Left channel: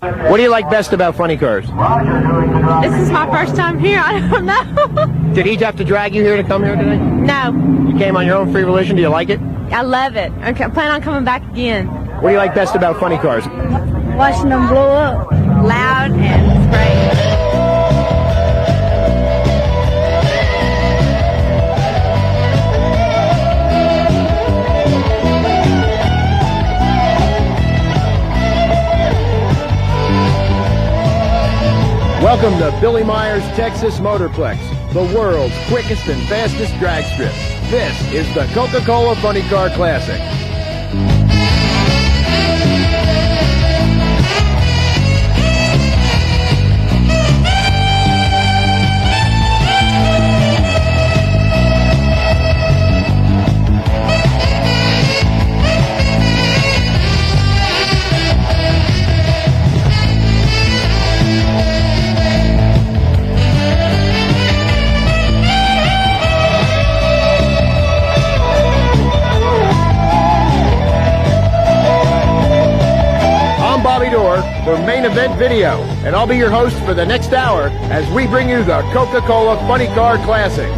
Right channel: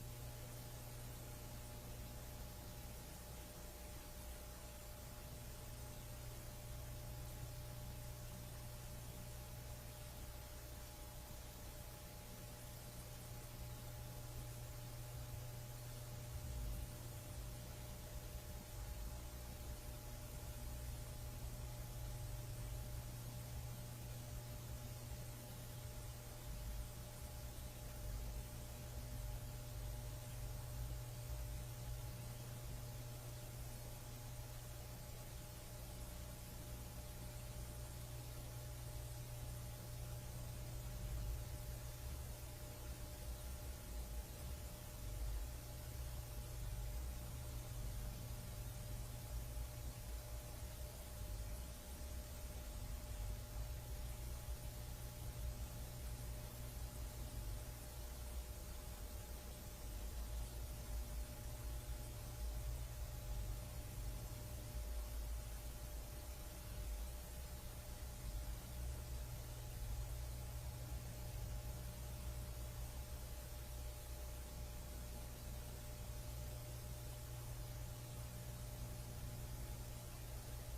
What do you like best about funny cars? This is my first time here. I don't know. Did he have to drag you here to come here today? No. You came on your own free volition. Do you like it? I love it. I plan on coming back again. What do you like best about funny cars? Watching them blow up. Loud and great. Welcome to Billy Meyer's Texas Motorplex, the world's quickest and fastest drag strip. This is the Coca-Cola Funny Car Classic. For main event video, and I'll be your host for the next hour as we bring you the Coca-Cola Funny Car Classic.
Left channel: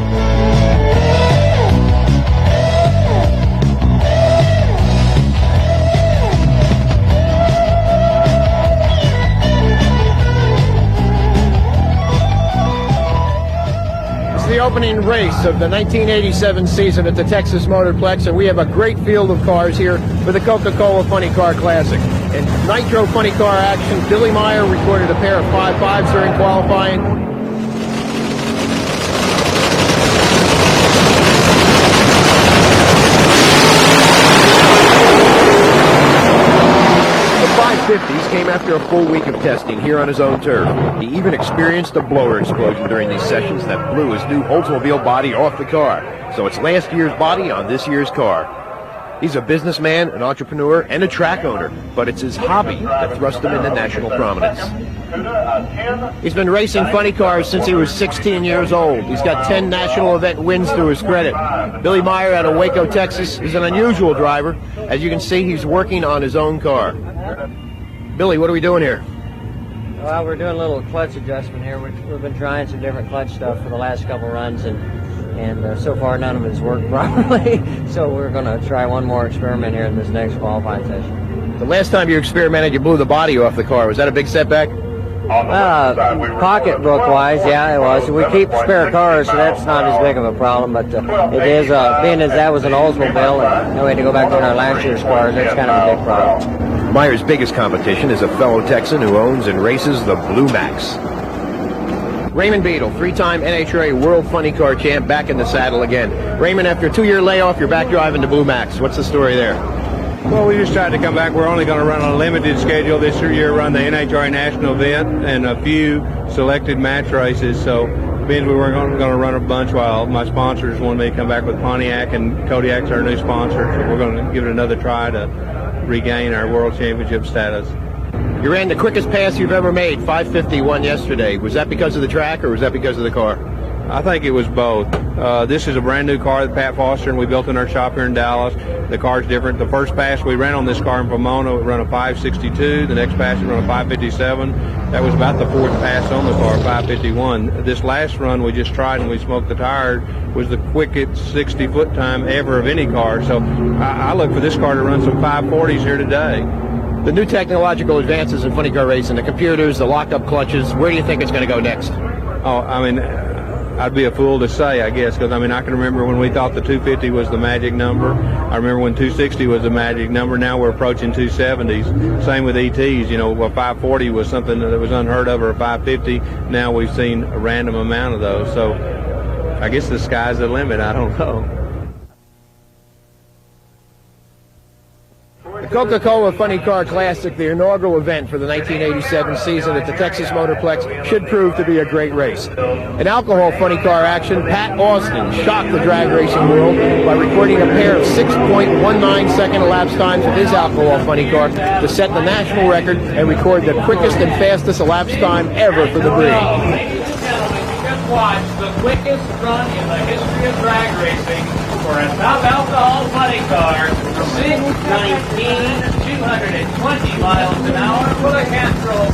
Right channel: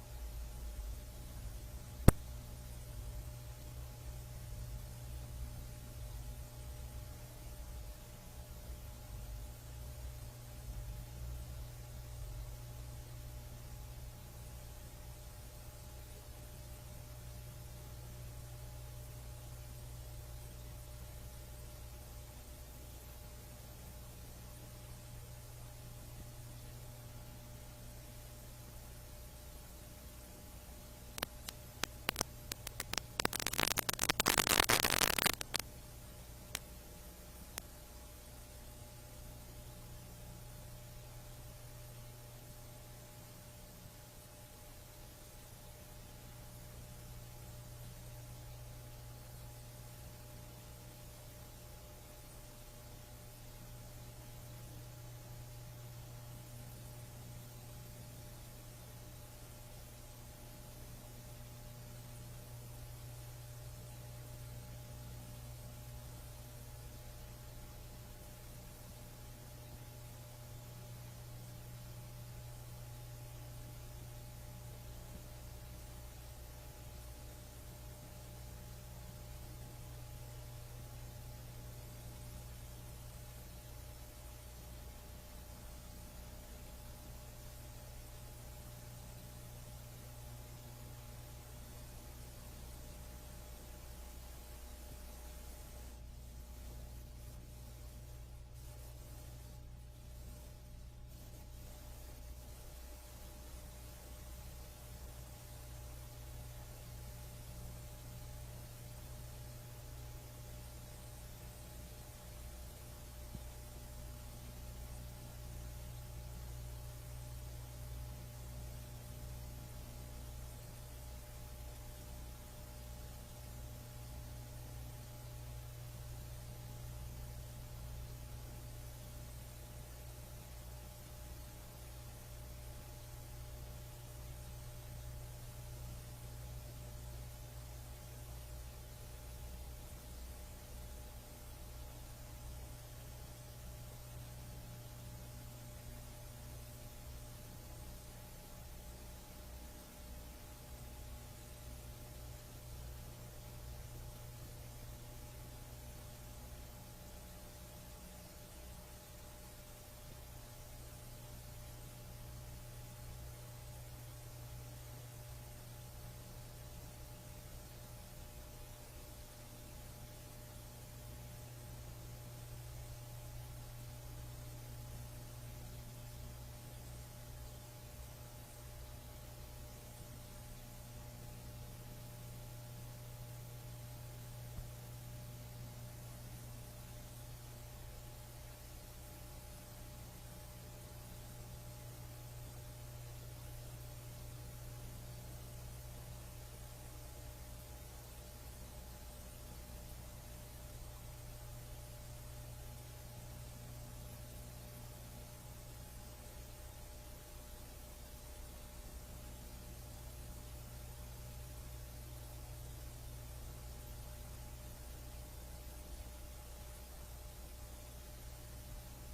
It's the opening race of the 1987 season at the Texas Motorplex, and we have a great field of cars here for the Coca-Cola Funny Car Classic. In Nitro funny car action, Billy Meyer recorded a pair of 5.5s during qualifying. The 550s came after a full week of testing here on his own turf. He even experienced a blower explosion during these sessions that blew his new Oldsmobile body off the car. So it's last year's body on this year's car. He's a businessman, an entrepreneur, and a track owner, but it's his hobby that thrust him into national prominence. He's been racing funny cars since he was 16 years old. He's got 10 national event wins to his credit. Billy Meyer out of Waco, Texas, is an unusual driver. As you can see, he's working on his own car. Billy, what are we doing here? Well, we're doing a little clutch adjustment here. We've been trying some different clutch stuff for the last couple runs, and so far none of it's worked properly. So we're going to try one more experiment here in this next qualifying session. The last time you experimented, you blew the body off the car. Was that a big setback? Pocketbook-wise, yeah, it was. We keep spare cars, so that's not as big of a problem. But it is, being as that was an Oldsmobile, and we had to go back to our last year's cars, that's kind of a big problem. Meyer's biggest competition is a fellow Texan who owns and races the Blue Max. Raymond Beadle, three-time NHRA World Funny Car Champ, back in the saddle again. Raymond, after a 2-year layoff, you're back driving the Blue Max. What's the story there? Well, we just tried to come back. We're only going to run on a limited schedule this year, run the NHRA National event and a few selected match races. So it means we weren't going to run a bunch while my sponsors wanted me to come back with Pontiac, and Kodiak's our new sponsor. So we're going to give it another try to regain our World Championship status. You ran the quickest pass you've ever made, 5:51 yesterday. Was that because of the track, or was that because of the car? I think it was both. This is a brand new car that Pat Foster and we built in our shop here in Dallas. The car's different. The first pass we ran on this car in Pomona, it ran a 5:62. The next pass, it ran a 5:57. That was about the fourth pass on the car, 5:51. This last run we just tried and we smoked the tire was the quickest 60-foot time ever of any car. So I look for this car to run some 540s here today. The new technological advances in funny car racing, the computers, the lock-up clutches, where do you think it's going to go next? Oh, I mean, I'd be a fool to say, I guess, because, I mean, I can remember when we thought the 250 was the magic number. I remember when 260 was the magic number. Now we're approaching 270s. Same with ETs. You know, 540 was something that was unheard of, or a 550. Now we've seen a random amount of those. So I guess the sky's the limit. I don't know. The Coca-Cola Funny Car Classic, the inaugural event for the 1987 season at the Texas Motorplex, should prove to be a great race. In alcohol funny car action, Pat Austin shocked the drag racing world by recording a pair of 6.19-second elapsed times of his alcohol funny car to set the national record and record the quickest and fastest elapsed time ever for the breed. Ladies and gentlemen, you just watched the quickest run in the history of drag racing for a top alcohol funny car, 6:19, 220 miles an hour for the Castro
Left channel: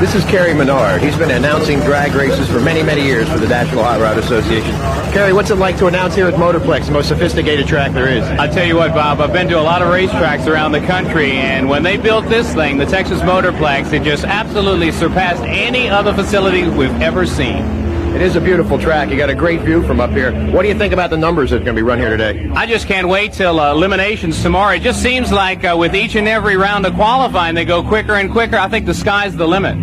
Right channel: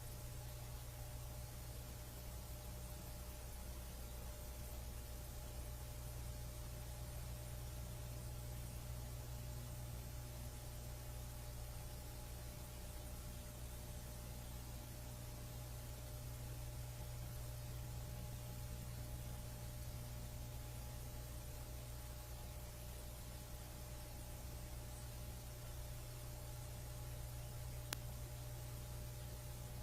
This is Kerry Menard. He's been announcing drag races for many, many years for the National Hot Rod Association. Kerry, what's it like to announce here at Motorplex, the most sophisticated track there is? I tell you what, Bob, I've been to a lot of racetracks around the country, and when they built this thing, the Texas Motorplex, it just absolutely surpassed any other facility we've ever seen. It is a beautiful track. You got a great view from up here. What do you think about the numbers that's going to be run here today? I just can't wait till eliminations tomorrow. It just seems like with each and every round of qualifying, they go quicker and quicker. I think the sky's the limit.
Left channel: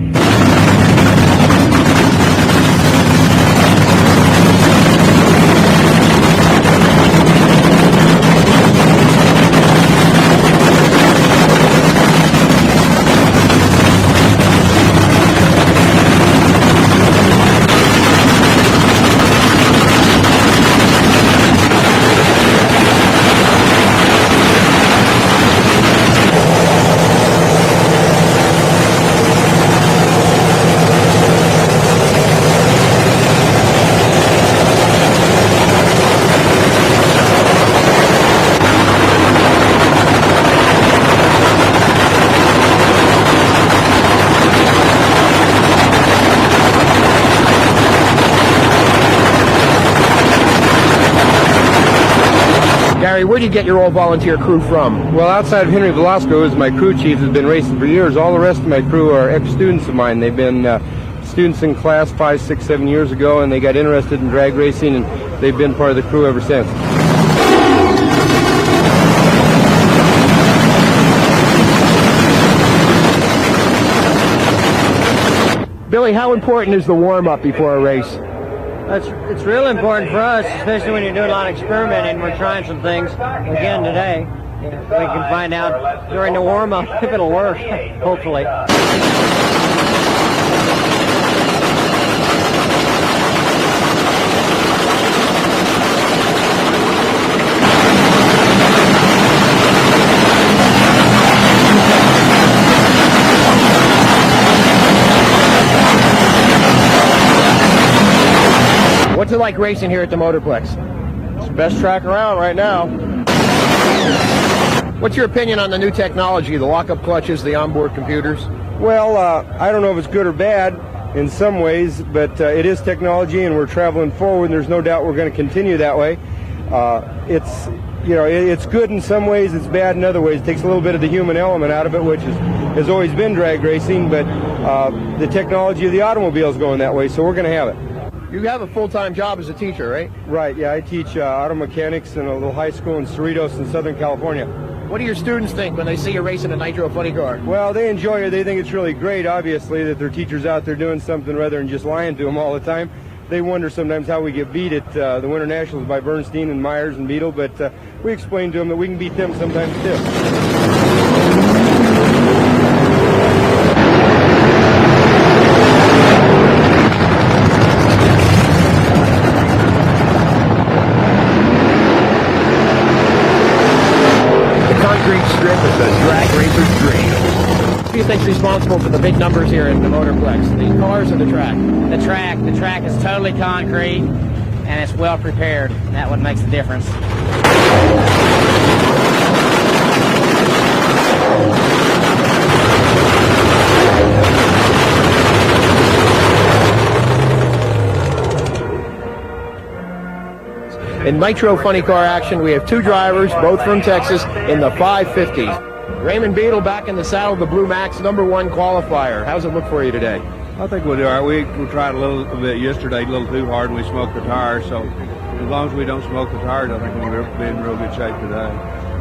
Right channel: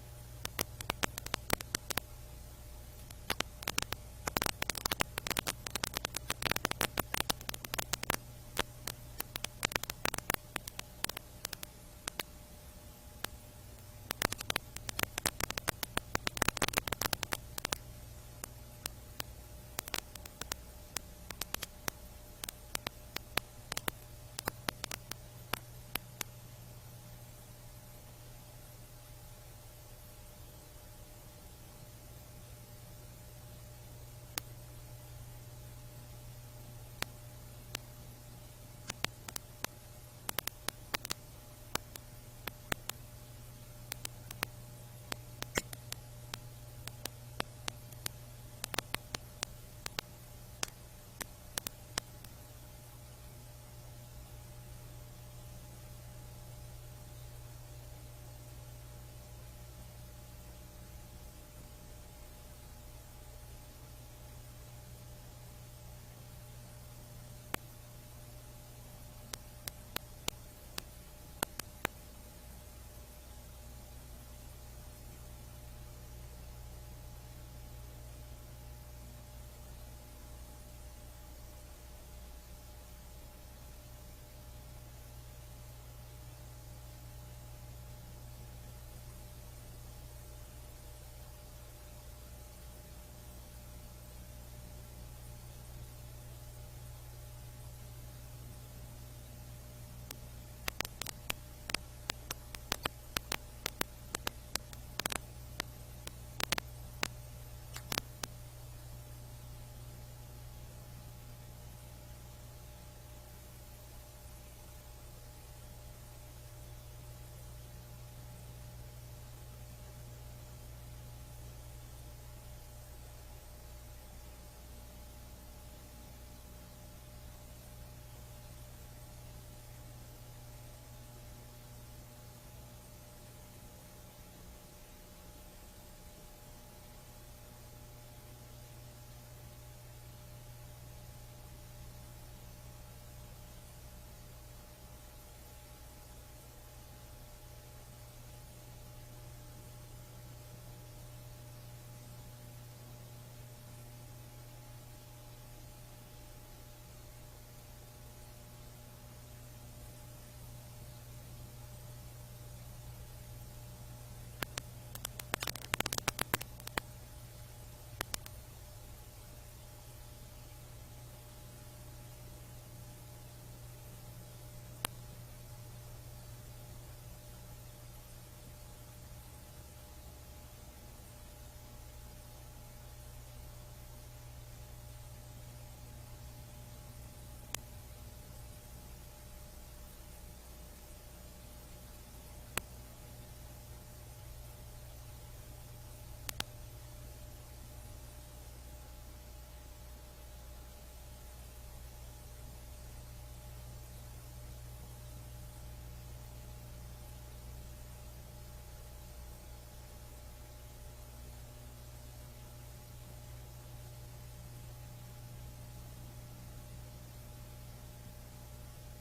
Where'd you get your all-volunteer crew from? Well, outside of Henry Velasco, who's my crew chief, has been racing for years. All the rest of my crew are ex-students of mine. They've been students in class 5, 6, 7 years ago, and they got interested in drag racing, and they've been part of the crew ever since. Billy, how important is the warm-up before a race? It's real important for us, especially when you're doing a lot of experimenting. We're trying some things again today. We can find out during the warm-up if it'll work, hopefully. What's it like racing here at the Motorplex? It's the best track around right now. What's your opinion on the new technology, the lock-up clutches, the onboard computers? Well, I don't know if it's good or bad in some ways, but it is technology, and we're traveling forward, and there's no doubt we're going to continue that way. It's good in some ways, it's bad in other ways. It takes a little bit of the human element out of it, which has always been drag racing, but the technology of the automobile is going that way, so we're going to have it. You have a full-time job as a teacher, right? Right, yeah, I teach auto mechanics in a little high school in Cerritos in Southern California. What do your students think when they see you racing a Nitro funny car? Well, they enjoy it. They think it's really great, obviously, that their teacher's out there doing something rather than just lying to them all the time. They wonder sometimes how we get beat at the Winter Nationals by Bernstein and Myers and Beetle, but we explain to them that we can beat them sometimes, too. Strip is a drag racer's dream. Who do you think's responsible for the big numbers here in the Motorplex? The cars or the track? The track. The track is totally concrete, and it's well prepared. That what makes the difference. In Nitro funny car action, we have two drivers, both from Texas, in the 550s. Raymond Beadle back in the saddle of the Blue Max, #1 qualifier. How's it look for you today? I think we'll do all right. We tried a little bit yesterday, a little too hard, and we smoked the tires. So as long as we don't smoke the tires, I think we'll be in real good shape today.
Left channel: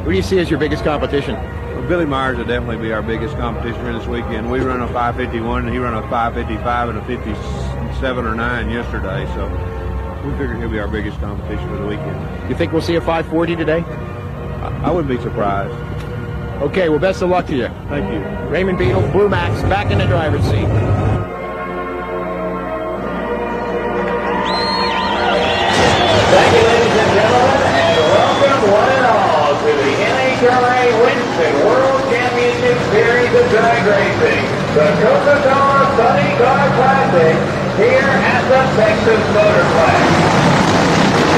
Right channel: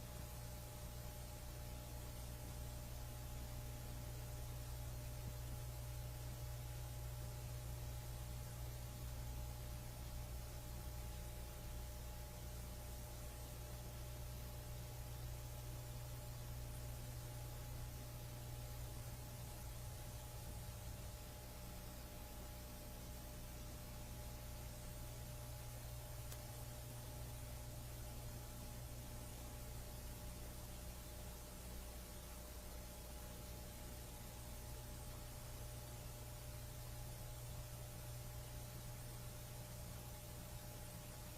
Who do you see as your biggest competition? Well, Billy Myers will definitely be our biggest competition here this weekend. We run a 551, and he ran a 555 and a 57 or 9 yesterday. So we figure he'll be our biggest competition for the weekend. You think we'll see a 540 today? I wouldn't be surprised. Okay, well, best of luck to you. Thank you. Raymond Beadle, Blue Max, back in the driver's seat. Thank you, ladies and gentlemen, and welcome one and all to the NHRA Winston World Championship Series of Drag Racing, the Coca-Cola Funny Car Classic, here at the Texas Motorplex.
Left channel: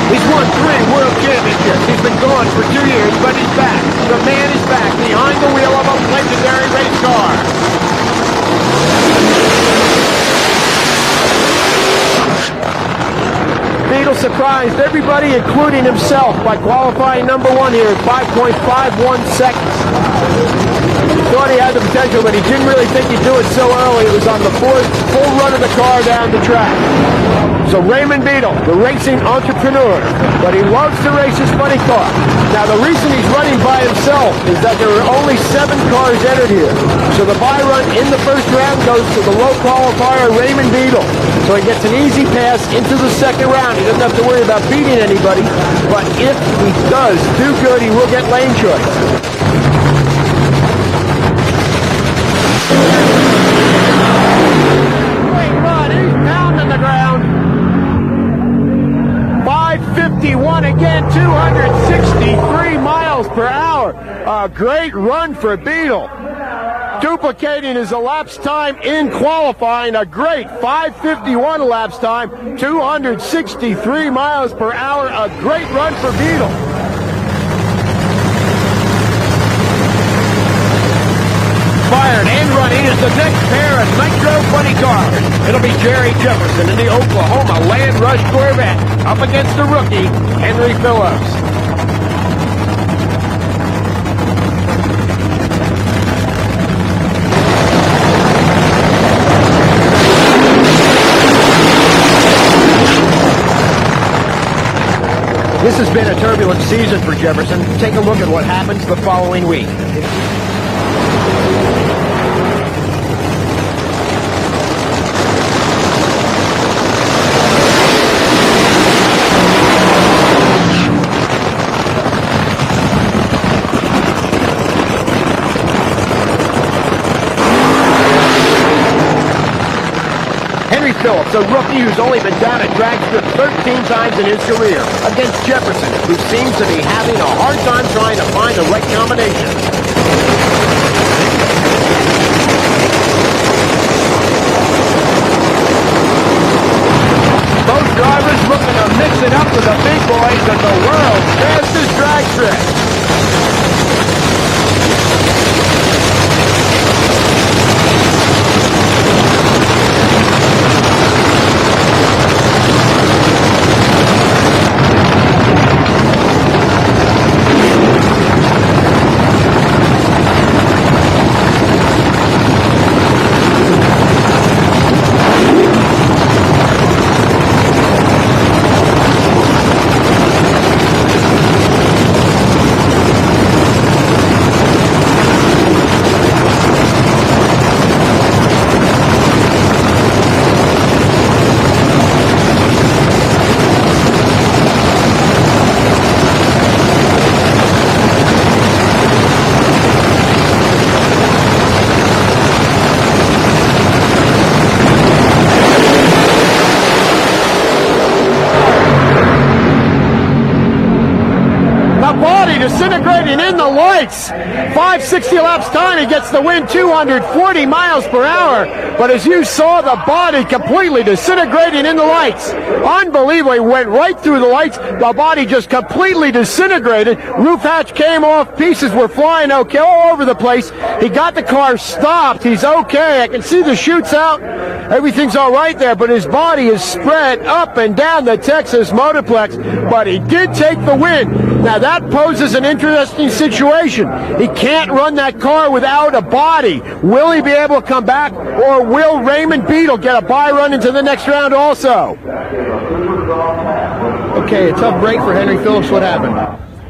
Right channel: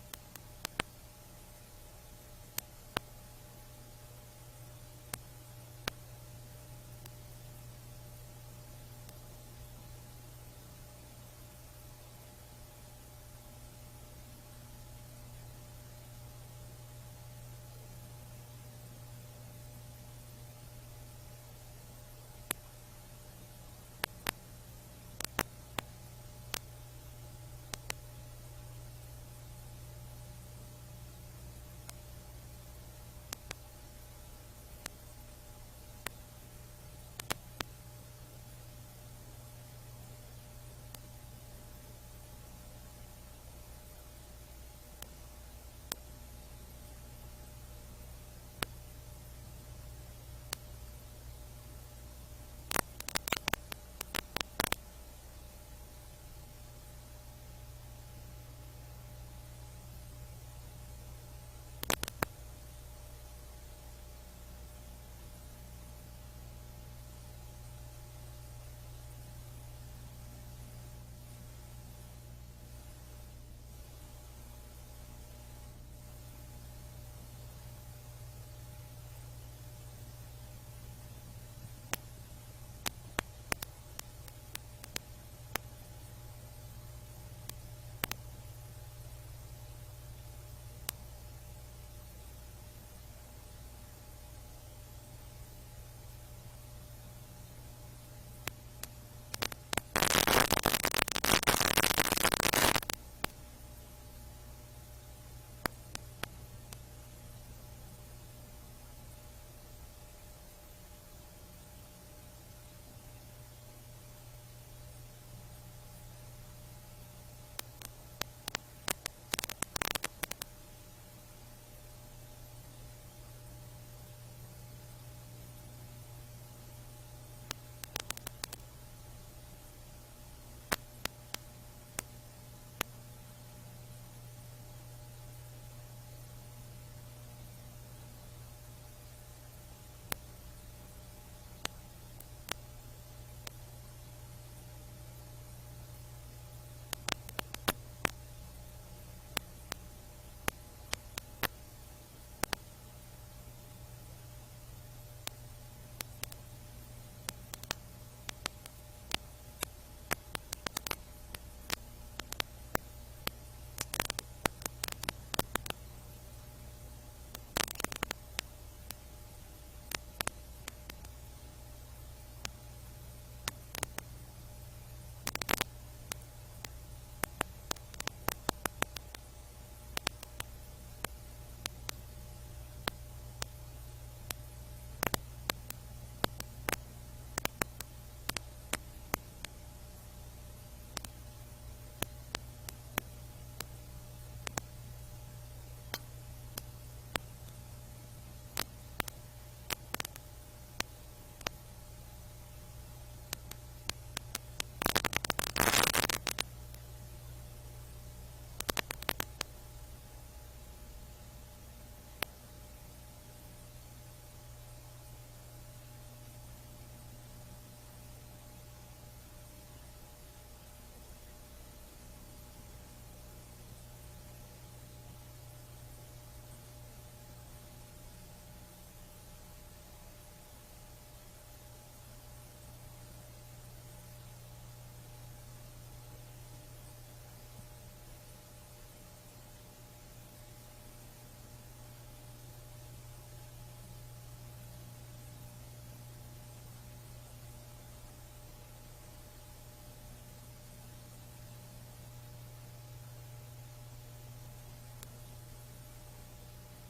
He's won 3 world championships. He's been gone for 2 years, but he's back. The man is back behind the wheel of a legendary race car. surprised everybody, including himself, by qualifying number 1 here at 5.51 seconds. He thought he had the potential, but he didn't really think he'd do it so early. It was on the 4th full run of the car down the track. So Raymond Beadle, the racing entrepreneur, but he loves to race his funny car. Now the reason he's running by himself is that there are only 7 cars entered here. So the bye run in the first round goes to the low qualifier Raymond Beadle. So he gets an easy pass into the second round. He doesn't have to worry about beating anybody, but if he does do good, he will get lane choice. Great run, he's pounding the ground. 551 again, 263 miles per hour. A great run for Beadle. Duplicating his elapsed time in qualifying. A great 551 elapsed time, 263 miles per hour. A great run for Beadle. Fired and running is the next pair of Nitro funny cars. It'll be Jerry Jefferson in the Oklahoma Land Rush Corvette up against the rookie, Henry Phillips. This has been a turbulent season for Jefferson. Take a look at what happens the following week. Phillips, a rookie who's only been down at drag strip 13 times in his career, against Jefferson, who seems to be having a hard time trying to find the right combination. Both drivers looking to mix it up with the big boys at the world's fastest drag strip. Disintegrating in the lights. 560 laps time, he gets the win, 240 miles per hour. But as you saw, the body completely disintegrating in the lights. Unbelievable, he went right through the lights. The body just completely disintegrated. Roof hatch came off, pieces were flying okay all over the place. He got the car stopped. He's okay. I can see the chutes out. Everything's all right there, but his body is spread up and down the Texas Motorplex. But he did take the win. Now that poses an interesting situation. He can't run that car without a body. Will he be able to come back, or will Raymond Beadle get a bye run into the next round also? Okay, a tough break for Henry Phillips. What happened?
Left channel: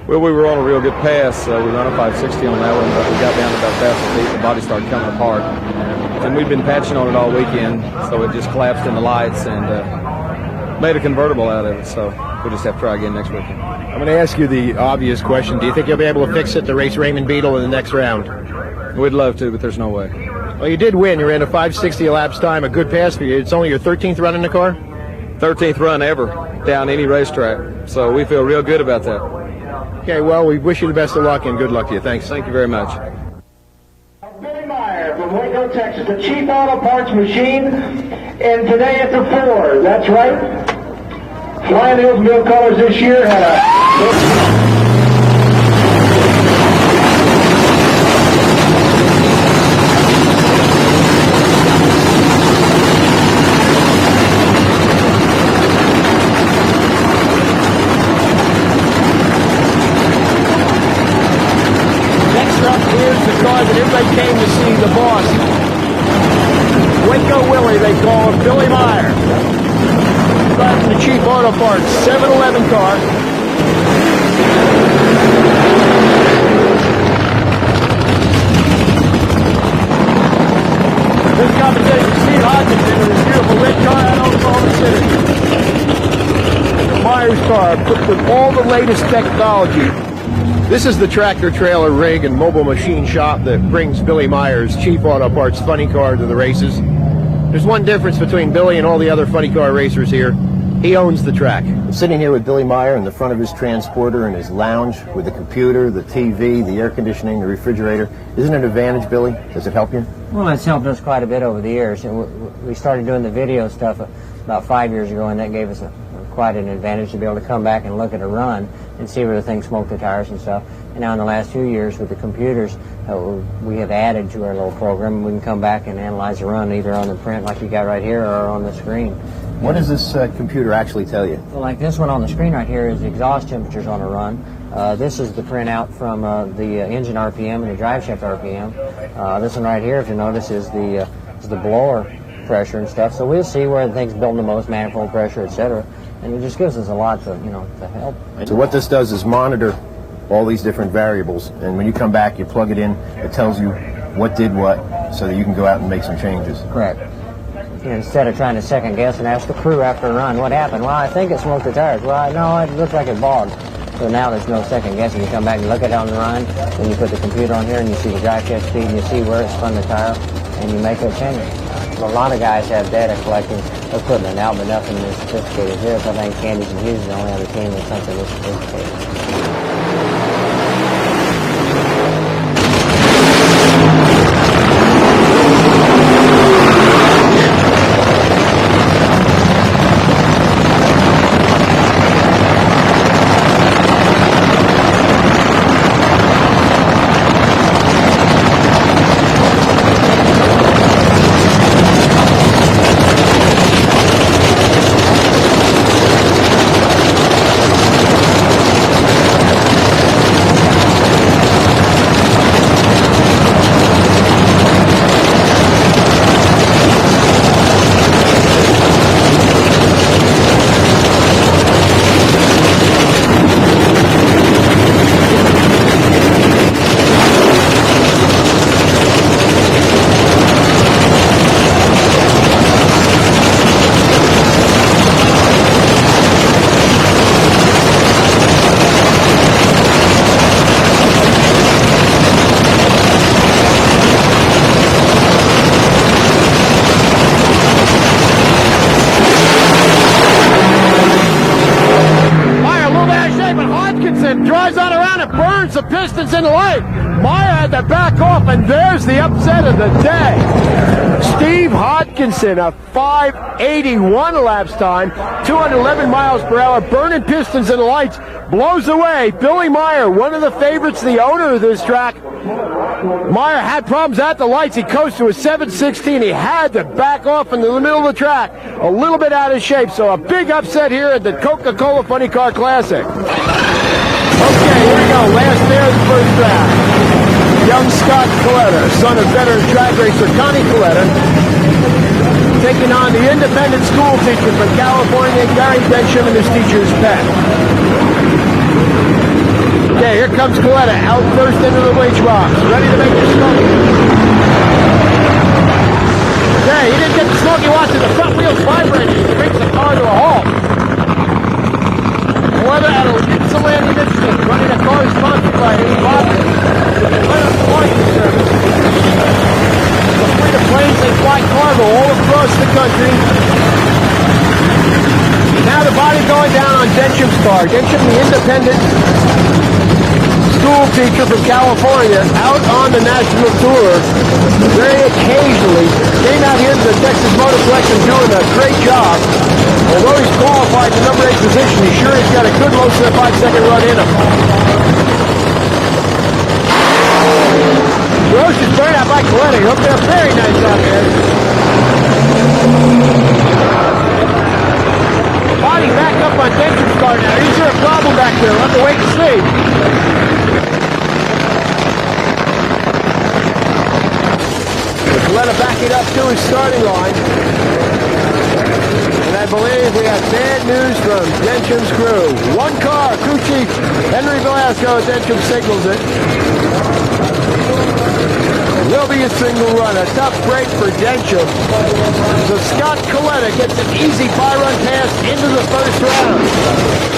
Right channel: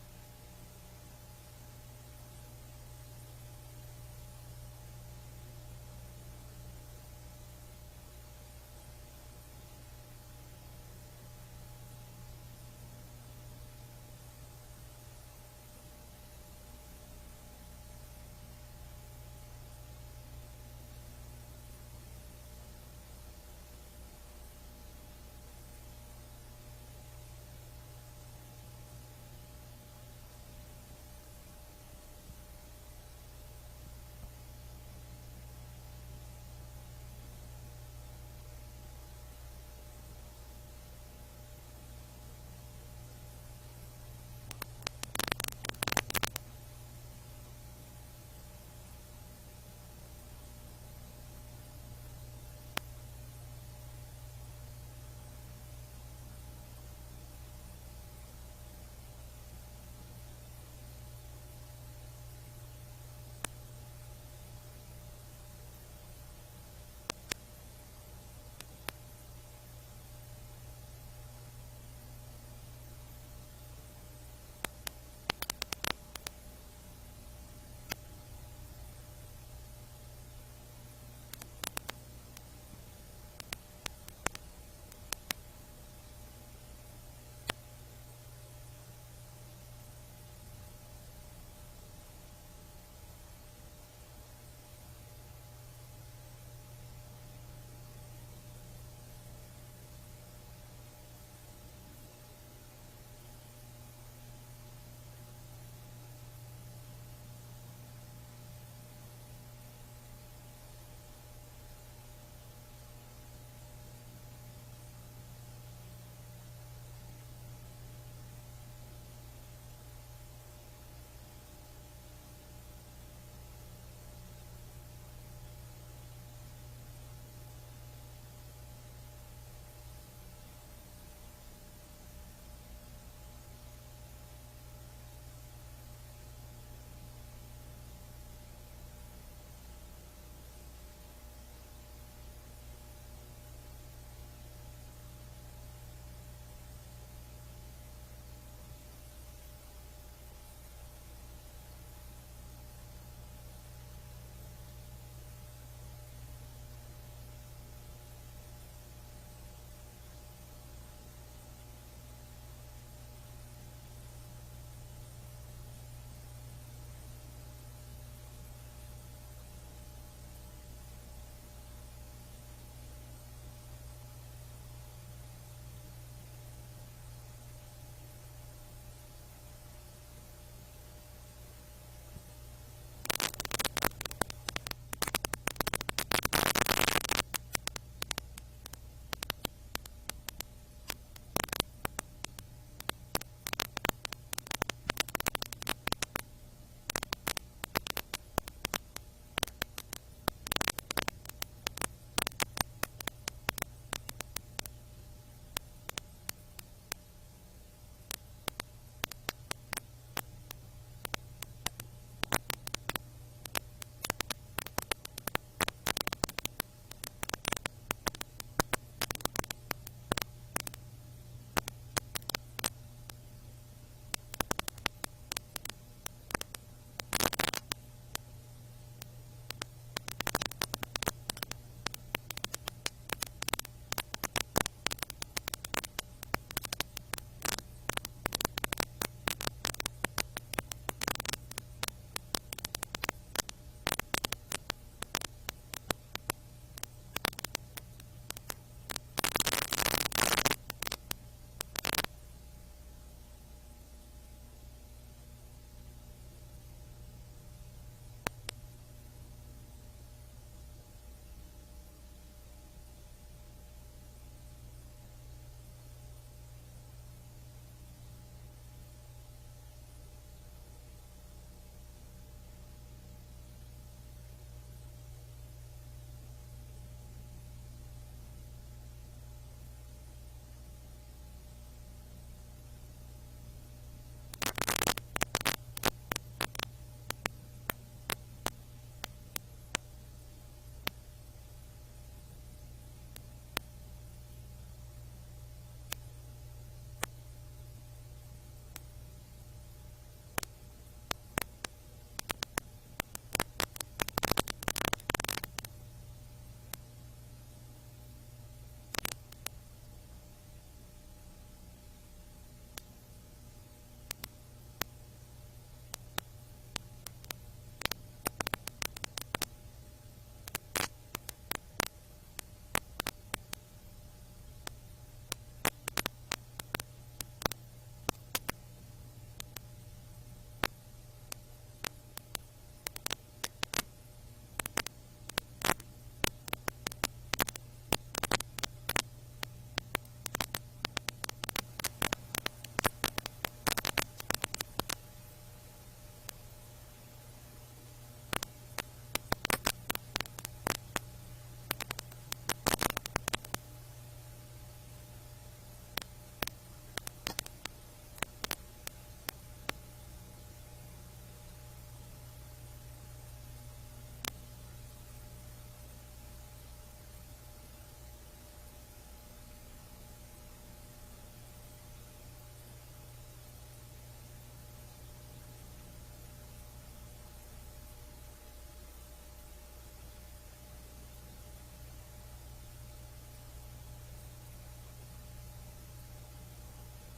Well, we were on a real good pass. We ran a 560 on that one, but we got down to about fast feet. The body started coming apart. And we've been patching on it all weekend, so it just collapsed in the lights and made a convertible out of it. So we'll just have to try again next weekend. I'm going to ask you the obvious question. Do you think you'll be able to fix it to race Raymond Beadle in the next round? We'd love to, but there's no way. Well, you did win. You ran a 560 elapsed time, a good pass for you. It's only your 13th run in the car? 13th run ever down any racetrack, so we feel real good about that. Okay, well, we wish you the best of luck and good luck to you. Thanks. Thank you very much. Billy Meyer from Waco, Texas, the chief auto parts machine, and today at the 4. That's right. Flying Hillsville colors this year had a... everybody came to see the boss. Waco Willie, they call him, Billy Meyer. Driving the cheap auto parts 7-Eleven car. This competition, Steve Hodgkinson in his beautiful red car out on Oklahoma City. Meyer's car, equipped with all the latest technology. This is the tractor trailer rig and mobile machine shop that brings Billy Meyer's cheap auto parts funny car to the races. There's one difference between Billy and all the other funny car racers here. He owns the track. I'm sitting here with Billy Meyer in the front of his transporter in his lounge with the computer, the TV, the air conditioning, the refrigerator. Isn't it an advantage, Billy? Does it help you? Well, it's helped us quite a bit over the years. We started doing the video stuff about 5 years ago, and that gave us quite an advantage to be able to come back and look at a run and see where the thing smoked the tires and stuff. And now in the last few years with the computers, we have added to our little program. We can come back and analyze a run either on the print like you got right here or on the screen. What does this computer actually tell you? Well, like this one on the screen right here is the exhaust temperatures on a run. This is the printout from the engine RPM and the drive shaft RPM. This one right here, if you notice, is the blower pressure and stuff. So we'll see where the thing's building the most, manifold pressure, etc. And it just gives us a lot to, to help. So what this does is monitor all these different variables, and when you come back, you plug it in, it tells you what did what, so that you can go out and make some changes. Correct. Instead of trying to second guess and ask the crew after a run, what happened? Well, I think it smoked the tires. Well, no, it looked like it bogged. So now there's no second guessing. You come back and look at it on the run, then you put the computer on here and you see the drive shaft speed and you see where it spun the tire, and you make that change. A lot of guys have data collecting equipment out, but nothing as sophisticated as this. I think Candies and Hughes is the only other team with something this sophisticated. Pistons in the light. Meyer had to back off, and there's the upset of the day. Steve Hodgkinson, a 5:81 elapsed time, 211 miles per hour, burning pistons in the lights, blows away Billy Meyer, one of the favorites, the owner of this track. Meyer had problems at the lights. He coasted to a 7:16. He had to back off in the middle of the track, a little bit out of shape. So a big upset here at the Coca-Cola Funny Car Classic. Okay, here we go. Last there of the first round. Young Scott Coletta, son of veteran track racer Connie Coletta, taking on the independent school teacher from California, Gary Densham, and his teacher's pet. Okay, here comes Coletta, out first into the winch box, ready to make the smoke. Okay, he didn't get the smoky watch and the front wheels vibrating. He brings the car to a halt. Coletta at a Ypsilanti, Michigan, running a car sponsored by Bob the Coletta Flight Service. The fleet of planes they fly cargo all across the country. Now the body going down on Densham's car. Densham, the independent school teacher from California, out on the national tour, very occasionally, came out here to the Texas Motorplex and doing a great job. Although he's qualified to number 8 position, he's sure he's got a good most of the 5-second run in him. Ferocious burnout by Coletta. Hope they're very nice out there. Body back up on Densham's car now. Is there a problem back there? We'll have to wait and see. going to back it up to his starting line. And I believe we have bad news from Denham's crew. One car, crew chief Henry Velasco at Denham signals it. Will be a single run, a tough break for Denham. So Scott Coletta gets an easy by-run pass into the first round.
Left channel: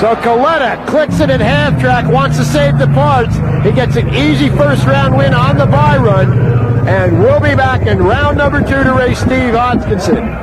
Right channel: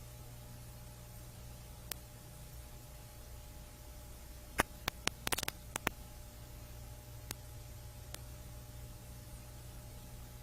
So Coletta clicks it at half track, wants to save the parts. He gets an easy first round win on the bye run. And we'll be back in round number 2 to race Steve Hodgkinson.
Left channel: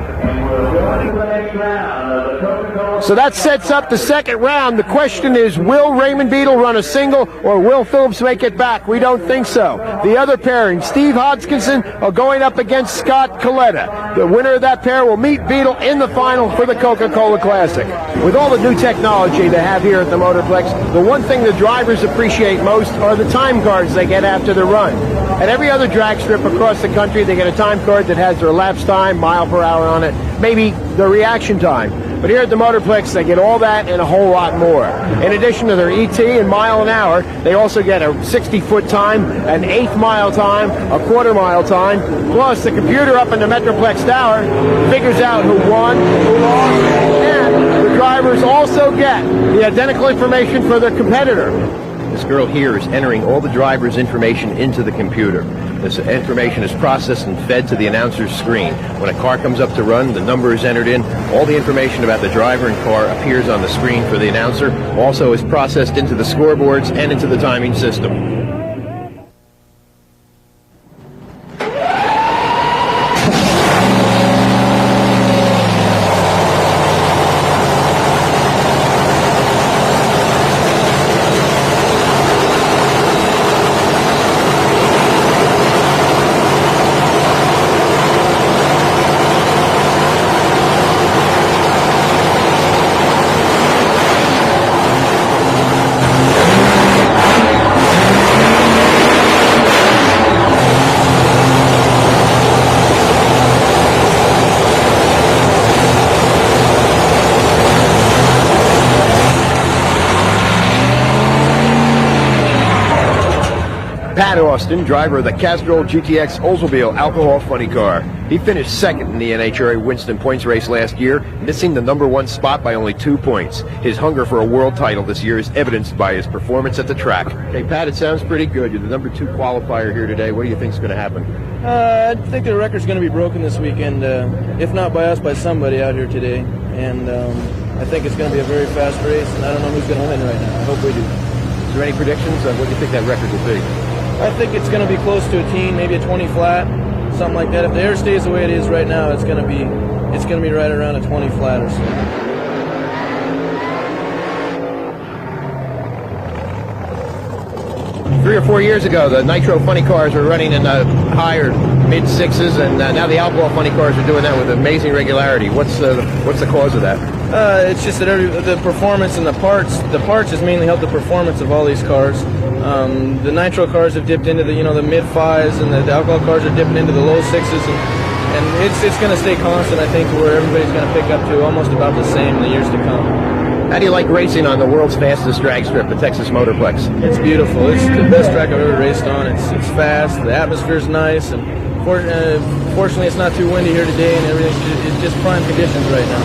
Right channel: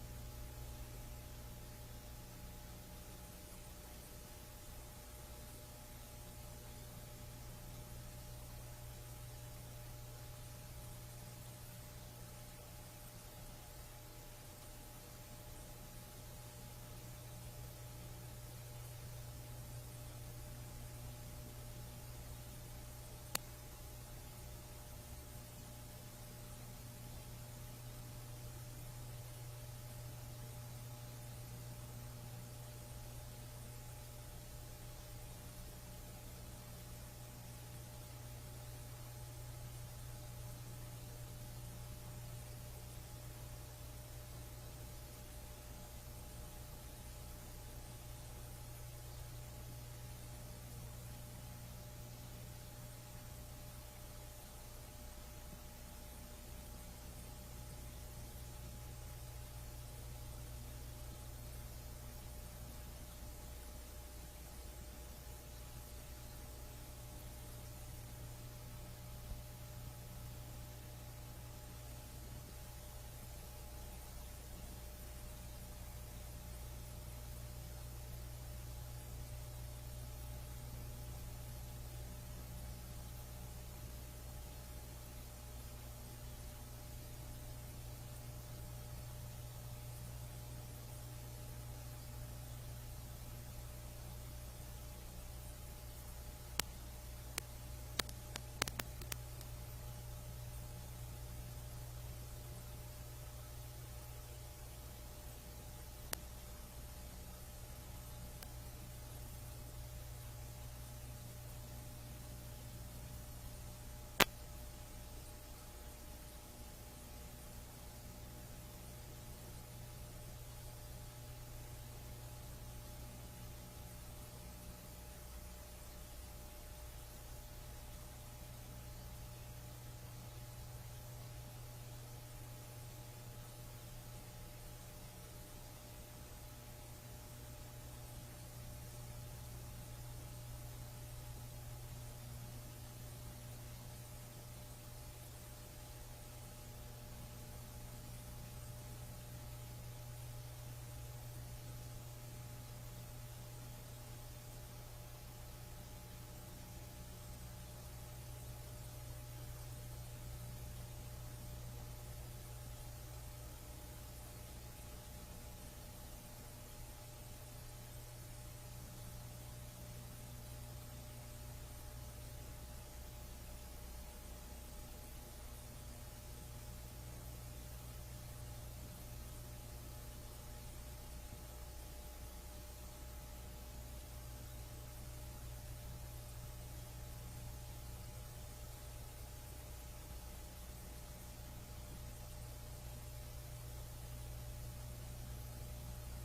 So that sets up the second round. The question is, will Raymond Beadle run a single or will Phillips make it back? We don't think so. The other pairing, Steve Hodgkinson, are going up against Scott Coletta. The winner of that pair will meet Beadle in the final for the Coca-Cola Classic. With all the new technology they have here at the Motorplex, the one thing the drivers appreciate most are the time cards they get after the run. At every other drag strip across the country, they get a time card that has their lapse time, mile per hour on it, maybe the reaction time. But here at the Motorplex, they get all that and a whole lot more. In addition to their ET and mile an hour, they also get a 60-foot time, an eighth mile time, a quarter mile time, plus the computer up in the Metroplex Tower figures out who won, who lost, and the drivers also get the identical information for their competitor. This girl here is entering all the drivers' information into the computer. This information is processed and fed to the announcer's screen. When a car comes up to run, the number is entered in. All the information about the driver and car appears on the screen for the announcer. Also is processed into the scoreboards and into the timing system. Pat Austin, driver of the Castrol GTX Oldsmobile alcohol funny car. He finished second in the NHRA Winston points race last year, missing the #1 spot by only 2 points. His hunger for a world title this year is evidenced by his performance at the track. Hey, Pat, it sounds pretty good. You're the #2 qualifier here today. What do you think is going to happen? I think the record's going to be broken this weekend, if not by us, by somebody out here today. And I think it's going to be a very fast race, and I don't know who's going to win right now. I hope we do. Is there any predictions on what you think that record will be? I think it's going to be close to a teen, maybe a 20 flat, something like that. If the air stays the way it is right now, it's going to be right around a 20 flat or so. 3 or 4 years ago, the Nitro funny cars were running in the higher mid-6s, and now the alcohol funny cars are doing that with amazing regularity. What's the cause of that? It's just that the performance and the parts has mainly helped the performance of all these cars. The Nitro cars have dipped into the mid-5s, and the alcohol cars are dipping into the low 6s, and it's going to stay constant, I think, to where everybody's going to pick up to almost about the same in the years to come. How do you like racing on the world's fastest drag strip, the Texas Motorplex? It's beautiful. It's the best track I've ever raced on. It's fast. The atmosphere's nice, and fortunately, it's not too windy here today, and everything. It's just prime conditions right now.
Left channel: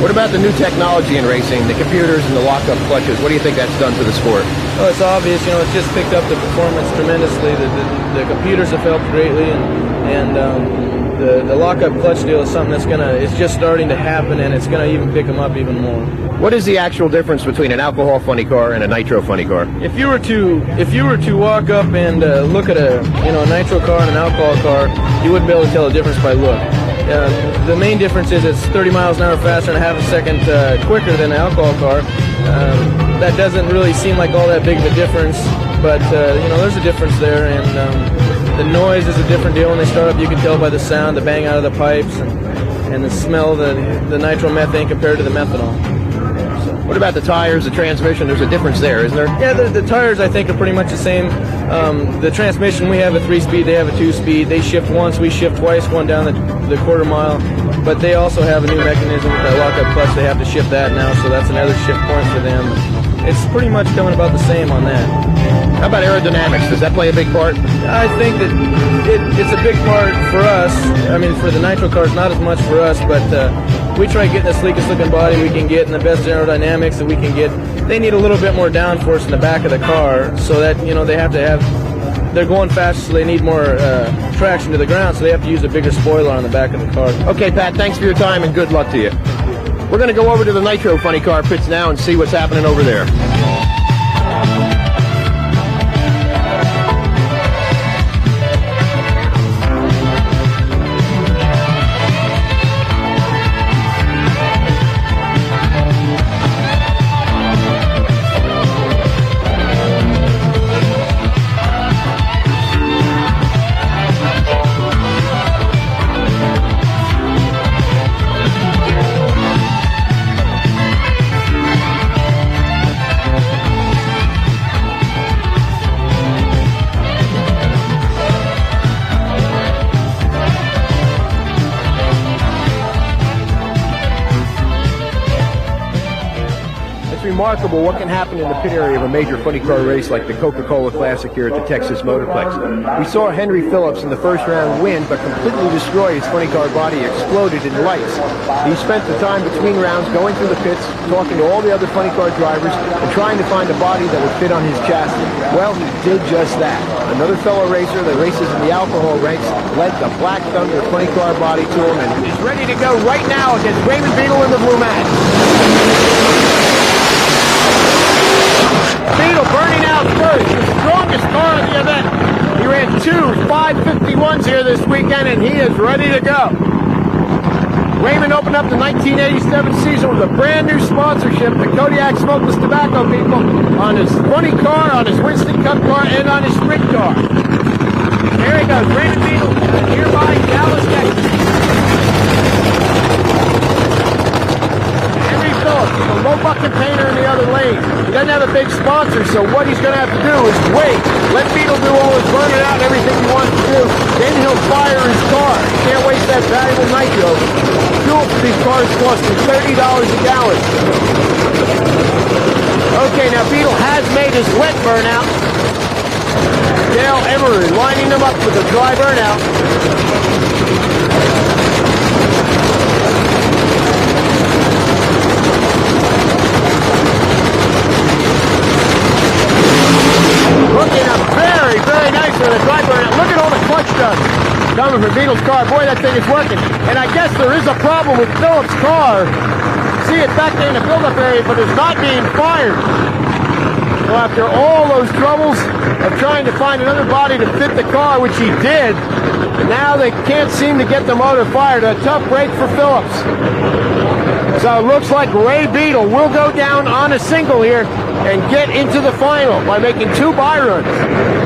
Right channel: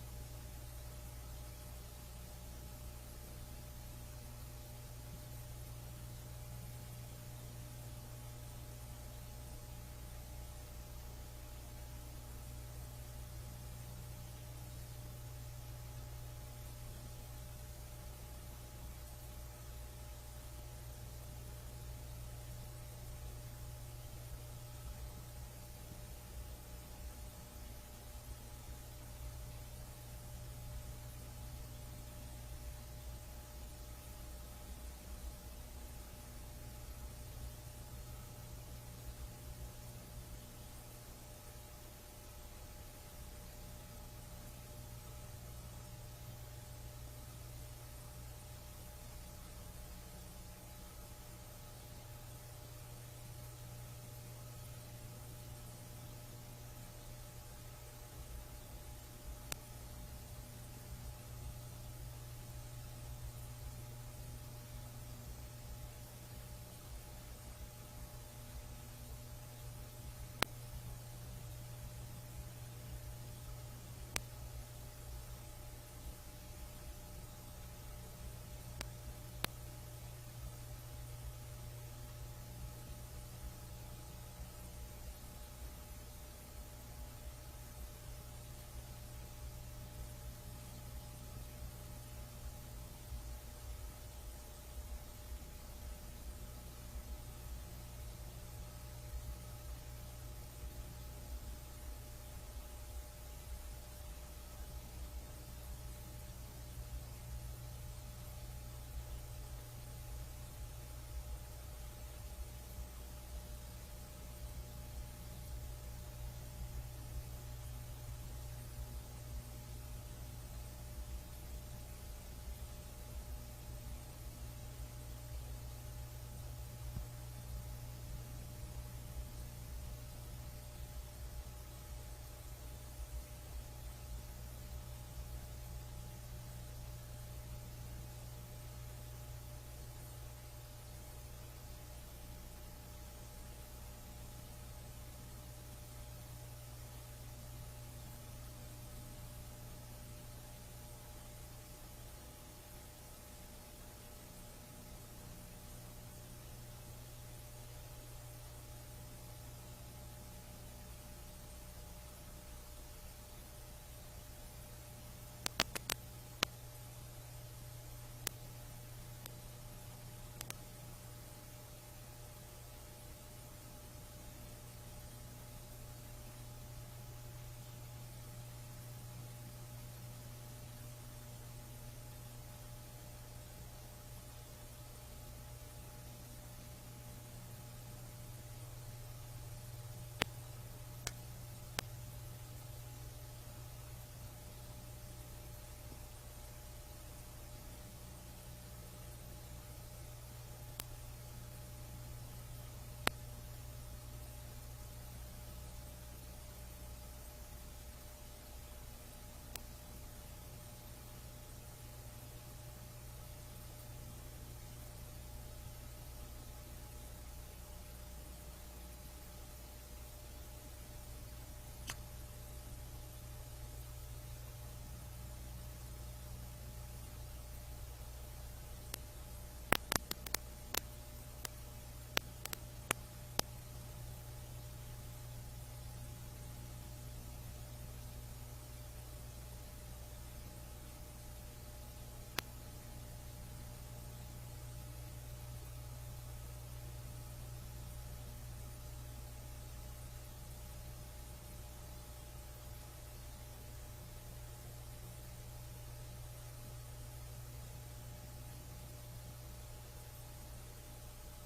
What about the new technology in racing, the computers and the lock-up clutches? What do you think that's done to the sport? Well, it's obvious. It's just picked up the performance tremendously. The computers have helped greatly, and the lock-up clutch deal is something it's just starting to happen, and it's going to even pick them up even more. What is the actual difference between an alcohol funny car and a Nitro funny car? If you were to walk up and look at a Nitro car and an alcohol car, you wouldn't be able to tell the difference by look. The main difference is it's 30 miles an hour faster and a half a second quicker than an alcohol car. That doesn't really seem like all that big of a difference, but you know, there's a difference there, and the noise is a different deal when they start up. You can tell by the sound, the bang out of the pipes, and the smell, the nitromethane compared to the methanol. What about the tires, the transmission? There's a difference there, isn't there? Yeah, the tires I think are pretty much the same. The transmission, we have a 3-speed, they have a 2-speed. They shift once, we shift twice, going down the quarter mile. But they also have a new mechanism with that lockup clutch. They have to shift that now, so that's another shift point for them. It's pretty much coming about the same on that. How about aerodynamics? Does that play a big part? I think that it's a big part for us. I mean, for the Nitro cars, not as much for us, but we try getting the sleekest looking body we can get and the best aerodynamics that we can get. They need a little bit more downforce in the back of the car, so that, you know, they're going faster, so they need more traction to the ground, so they have to use a bigger spoiler on the back of the car. Okay, Pat, thanks for your time and good luck to you. We're going to go over to the Nitro funny car pits now and see what's happening over there. Remarkable what can happen in the pit area of a major funny car race like the Coca-Cola Classic here at the Texas Motorplex. We saw Henry Phillips in the first round win, but completely destroy his funny car body, exploded in lights. He spent the time between rounds going through the pits, talking to all the other funny car drivers, and trying to find a body that would fit on his chassis. Well, he did just that. Another fellow racer that races in the alcohol ranks led the Black Thunder funny car body to him, and he's ready to go right now against Raymond Beadle in the blue match. Beadle burning out first, the strongest car of the event. He ran 2 551s here this weekend, and he is ready to go. Raymond opened up the 1987 season with a brand new sponsorship, the Kodiak Smokeless Tobacco people, on his funny car, on his Winston Cup car, and on his sprint car. There he goes, Raymond Beadle, nearby Dallas, Texas. The low bucket painter in the other lane. He doesn't have a big sponsor, so what he's going to have to do is wait. Let Beadle do all his burning out and everything he wants to do. Then he'll fire his car. He can't waste that valuable nitro. Fuel for these cars cost him $30 a gallon. Okay, now Beadle has made his wet burnout. Dale Emery lining them up with a dry burnout. Looking up very, very nice for the dry burnout. Look at all the clutch dust coming from Beadle's car. Boy, that thing is working. And I guess there is a problem with Phillips' car. See it back there in the build-up area, but it's not being fired. So after all those troubles of trying to find another body to fit the car, which he did, now they can't seem to get the motor fired. A tough break for Phillips. So it looks like Ray Beadle will go down on a single here and get into the final by making 2 buy runs.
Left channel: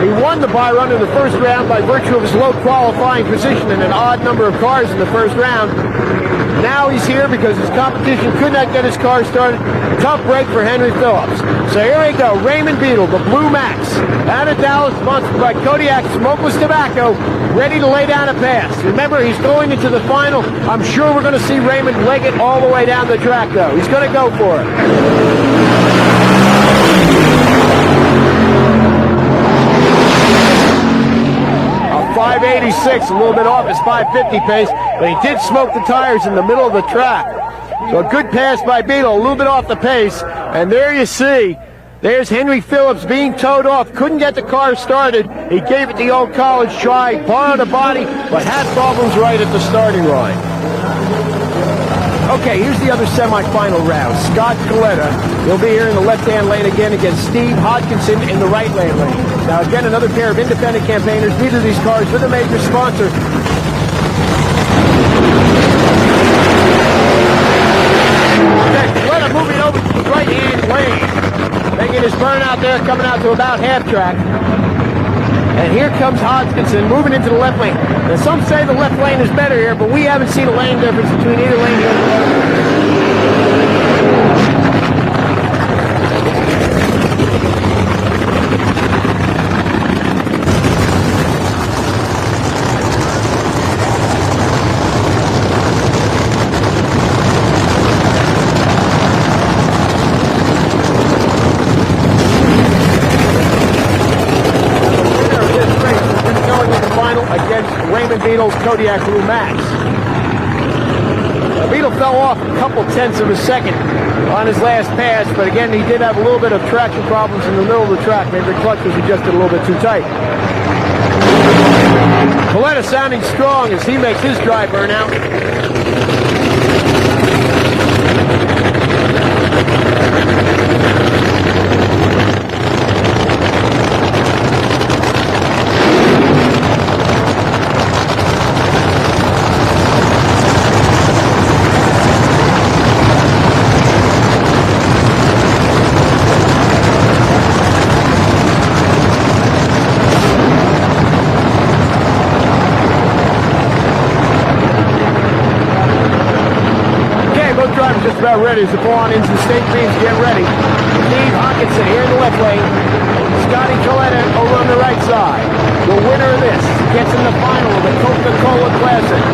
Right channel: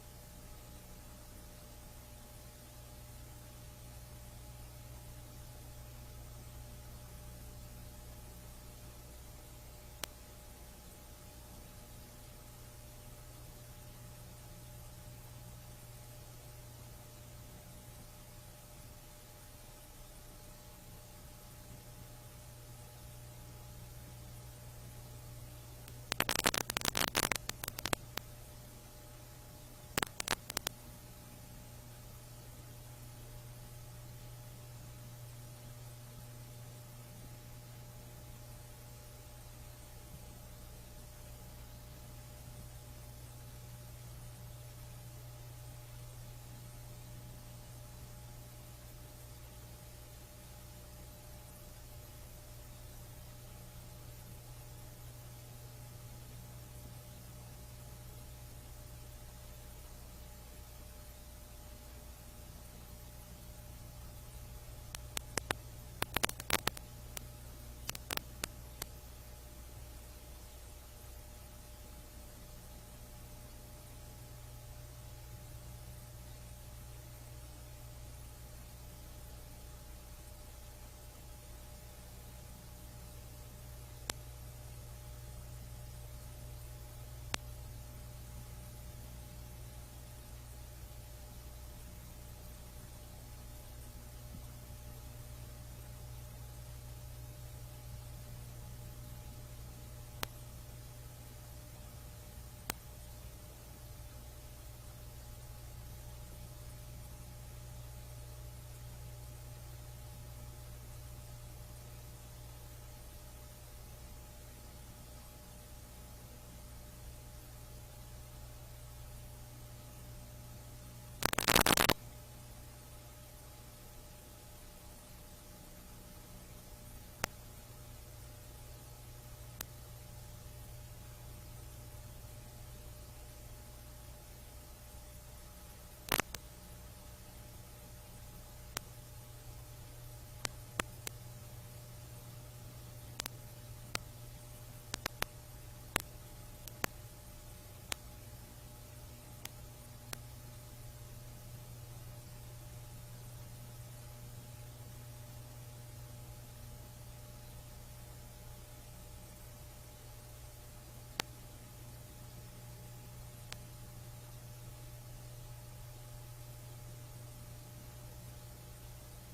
He won the buy run in the first round by virtue of his low qualifying position in an odd number of cars in the first round. Now he's here because his competition could not get his car started. Tough break for Henry Phillips. So here we go, Raymond Beadle, the Blue Max, out of Dallas, sponsored by Kodiak Smokeless Tobacco, ready to lay down a pass. Remember, he's going into the final. I'm sure we're going to see Raymond leg it all the way down the track, though. He's going to go for it. 586, a little bit off his 550 pace, but he did smoke the tires in the middle of the track. So a good pass by Beadle, a little bit off the pace, and there you see, there's Henry Phillips being towed off. Couldn't get the car started. He gave it the old college try, borrowed a body, but had problems right at the starting line. Okay, here's the other semifinal round. Scott Coletta, he'll be here in the left-hand lane again against Steve Hodkinson in the right-hand lane. Now again, another pair of independent campaigners, neither of these cars with a major sponsor. Okay, Coletta moving over to the right-hand lane. They making his burnout there, coming out to about half track. And here comes Hodgkinson moving into the left lane. Now, some say the left lane is better here, but we haven't seen a lane difference between either lane here and the other. Kodiak Blue Max. Beetle fell off a couple tenths of a second on his last pass, but again, he did have a little bit of traction problems in the middle of the track. Maybe the clutch was adjusted a little bit too tight. Coletta sounding strong as he makes his dry burnout. Ready as the ball on into the state beams. Get ready. Steve Hawkinson here in the left lane. Scotty Coletta over on the right side. The winner of this gets in the final of the Coca-Cola Classic.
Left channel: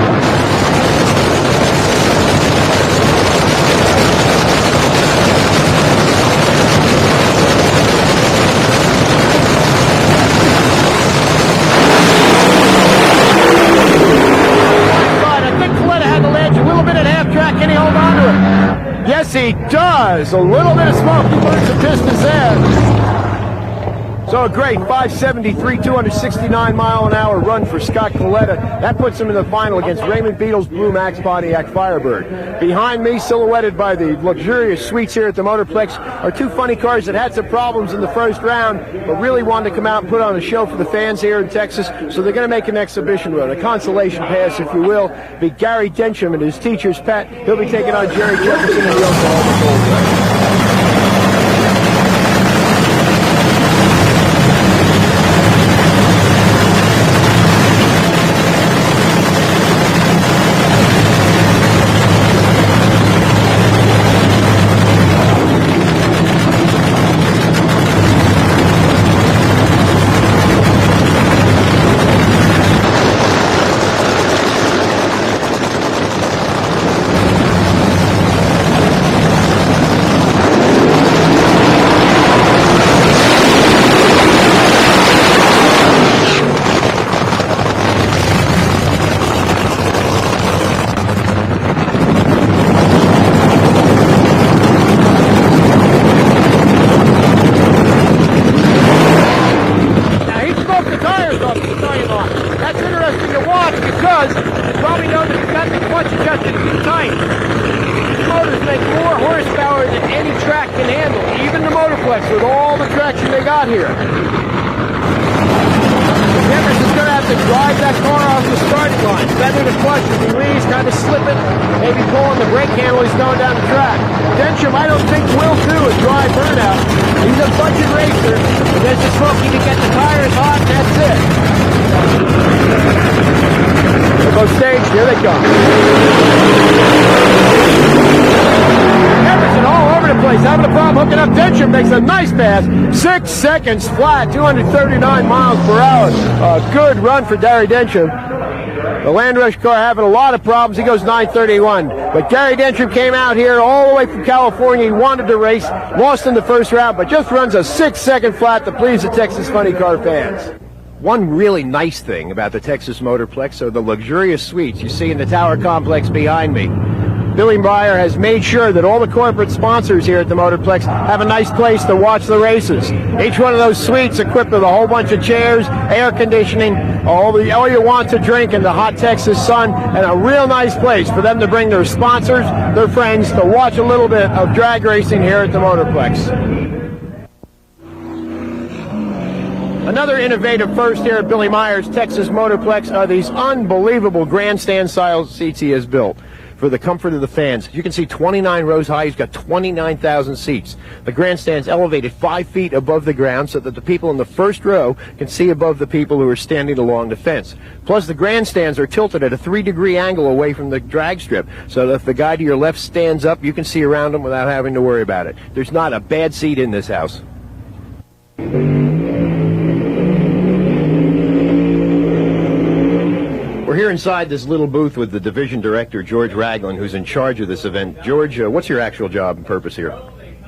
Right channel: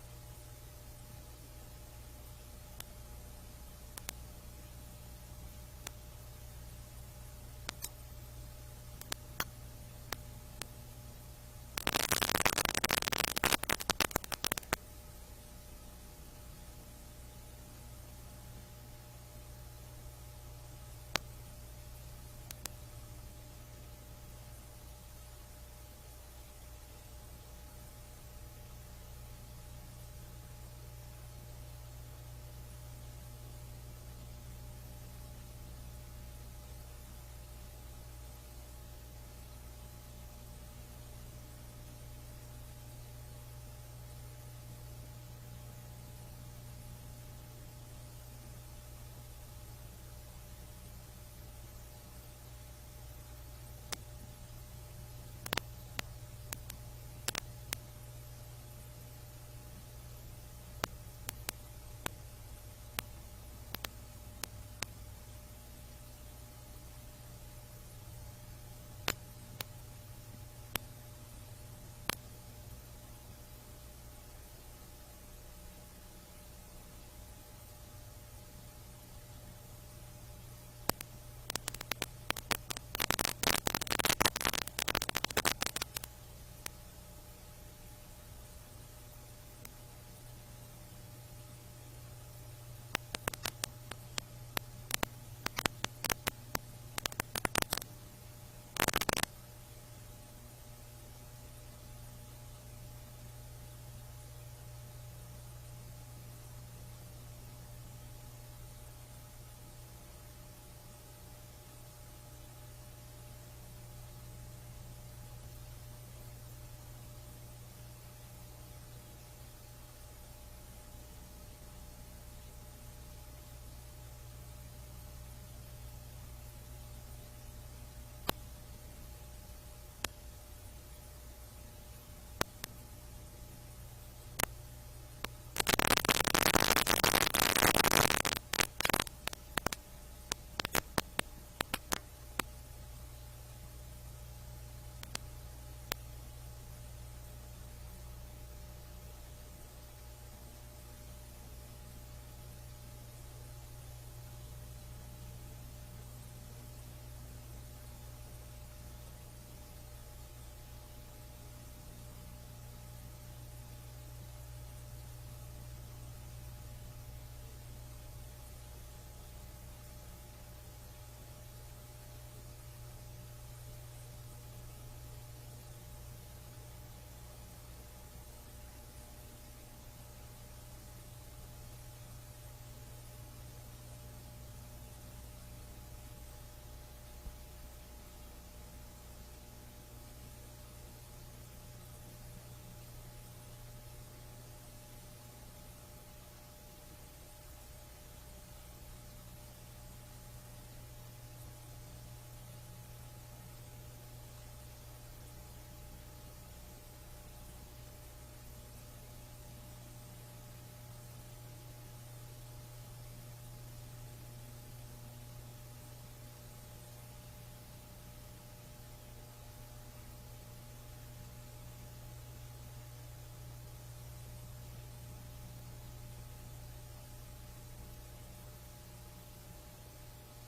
Yes, he does. A little bit of smoke. He burns the pistons there. So a great 573, 269-mile-an-hour run for Scott Coletta. That puts him in the final against Raymond Beetle's Blue Max Pontiac Firebird. Behind me, silhouetted by the luxurious suites here at the Motorplex, are two funny cars that had some problems in the first round, but really wanted to come out and put on a show for the fans here in Texas. So they're going to make an exhibition run, a consolation pass, if you will. Be Gary Densham and his teacher's pet. He'll be taking on Jerry Jefferson in the Oklahoma Gold Rush. Motorplex with all the traction they got here. Jefferson's going to have to drive that car off the starting line. Feather the clutch as he leaves, kind of slipping, maybe pulling the brake handle as he's going down the track. Densham, I don't think, will do a dry burnout. He's a budget racer. If there's the smoke, he can get the tires hot, and that's it. They're both staged. Here they come. All over the place, having a problem hooking up. Densham makes a nice pass, 6 seconds flat, 239 miles per hour. A good run for Gary Densham. The Land Rush car having a lot of problems. He goes 9:31. But Gary Densham came out here all the way from California. He wanted to race, lost in the first round, but just runs a 6-second flat to please the Texas Funny Car fans. One really nice thing about the Texas Motorplex are the luxurious suites you see in the tower complex behind me. Billy Meyer has made sure that all the corporate sponsors here at the Motorplex have a nice place to watch the races. Each one of those suites equipped with a whole bunch of chairs, air conditioning, all you want to drink in the hot Texas sun, and a real nice place for them to bring their sponsors, their friends, to watch a little bit of drag racing here at the Motorplex. Another innovative first here at Billy Meyer's Texas Motorplex are these unbelievable grandstand-style seats he has built. for the comfort of the fans. You can see 29 rows high. He's got 29,000 seats. The grandstand's elevated 5 feet above the ground so that the people in the first row can see above the people who are standing along the fence. Plus, the grandstands are tilted at a 3-degree angle away from the drag strip, so that if the guy to your left stands up, you can see around him without having to worry about it. There's not a bad seat in this house. We're here inside this little booth with the division director, George Ragland, who's in charge of this event. George, what's your actual job and purpose here?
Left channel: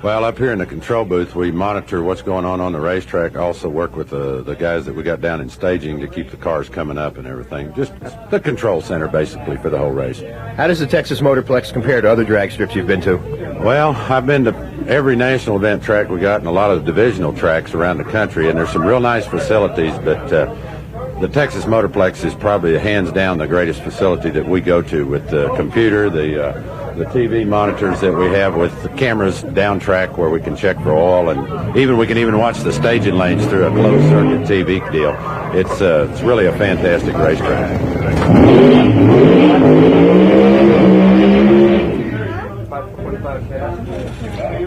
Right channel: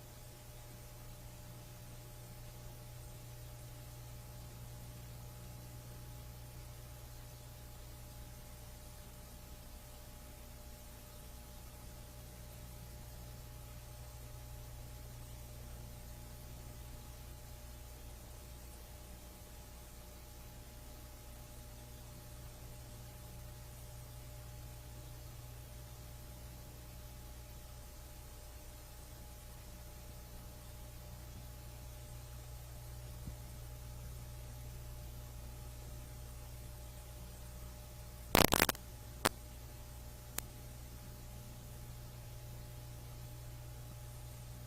Well, up here in the control booth, we monitor what's going on the racetrack. Also work with the guys that we got down in staging to keep the cars coming up and everything. Just the control center, basically, for the whole race. How does the Texas Motorplex compare to other drag strips you've been to? Well, I've been to every national event track we got and a lot of divisional tracks around the country, and there's some real nice facilities, but the Texas Motorplex is probably hands down the greatest facility that we go to, with the computer, the TV monitors that we have, with the cameras down track where we can check for oil, and we can even watch the staging lanes through a closed circuit TV deal. It's really a fantastic racetrack.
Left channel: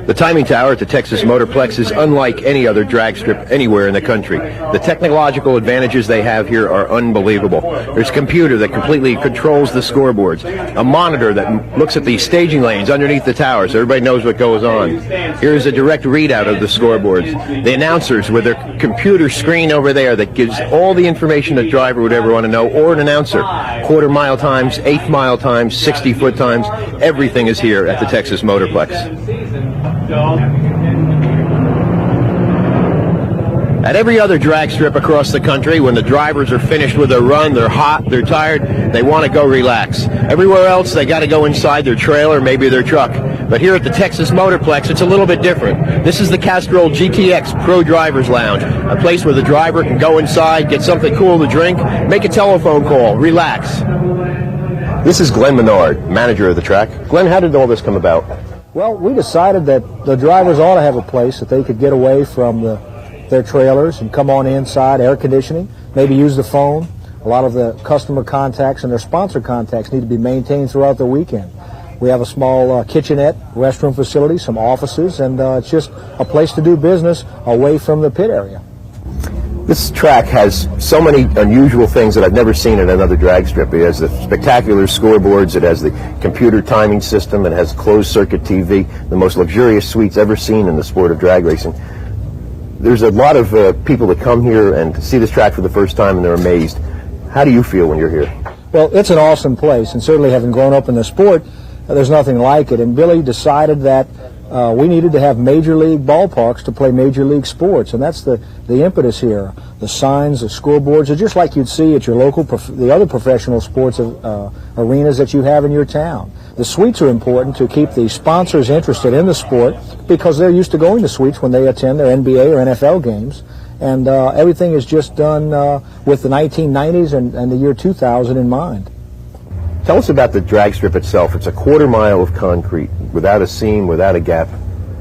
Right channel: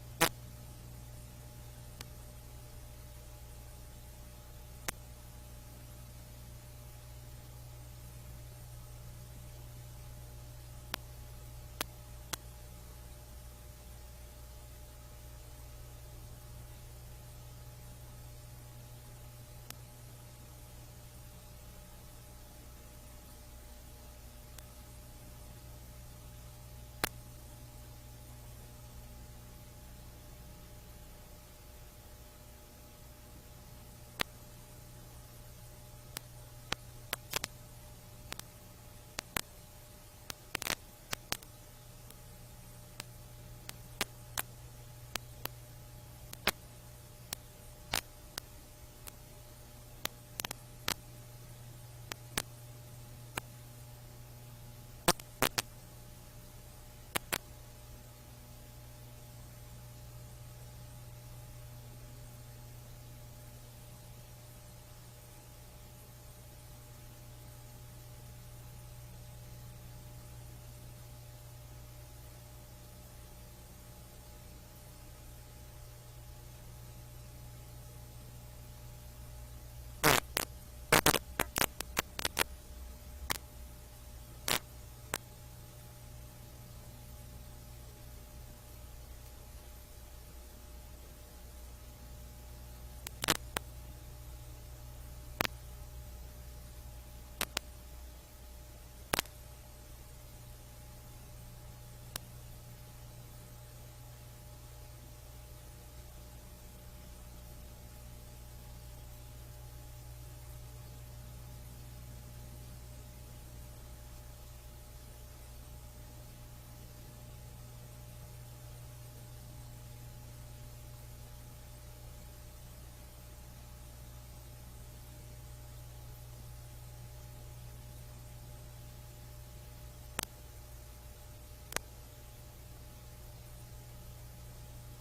The timing tower at the Texas Motorplex is unlike any other drag strip anywhere in the country. The technological advantages they have here are unbelievable. There's a computer that completely controls the scoreboards, a monitor that looks at the staging lanes underneath the tower so everybody knows what goes on. Here's a direct readout of the scoreboards. The announcers with their computer screen over there that gives all the information a driver would ever want to know, or an announcer. Quarter-mile times, eighth-mile times, 60-foot times, everything is here at the Texas Motorplex. At every other drag strip across the country, when the drivers are finished with their run, they're hot, they're tired, they want to go relax. Everywhere else, they got to go inside their trailer, maybe their truck. But here at the Texas Motorplex, it's a little bit different. This is the Castrol GTX Pro Drivers Lounge, a place where the driver can go inside, get something cool to drink, make a telephone call, relax. This is Glenn Menard, manager of the track. Glenn, how did all this come about? Well, we decided that the drivers ought to have a place that they could get away from their trailers and come on inside, air conditioning, maybe use the phone. A lot of the customer contacts and their sponsor contacts need to be maintained throughout the weekend. We have a small kitchenette, restroom facility, some offices, and it's just a place to do business away from the pit area. This track has so many unusual things that I've never seen at another drag strip. It has the spectacular scoreboards, it has the computer timing system, it has closed-circuit TV, the most luxurious suites ever seen in the sport of drag racing. There's a lot of people that come here and see this track for the first time and they're amazed. How do you feel when you're here? Well, it's an awesome place, and certainly having grown up in the sport, there's nothing like it. And Billy decided that we needed to have major league ballparks to play major league sports, and that's the impetus here. The signs, the scoreboards are just like you'd see at your local, the other professional sports arenas that you have in your town. The suites are important to keep the sponsors interested in the sport because they're used to going to suites when they attend their NBA or NFL games, and everything is just done with the 1990s and the year 2000 in mind. Tell us about the drag strip itself. It's a quarter-mile of concrete, without a seam, without a gap.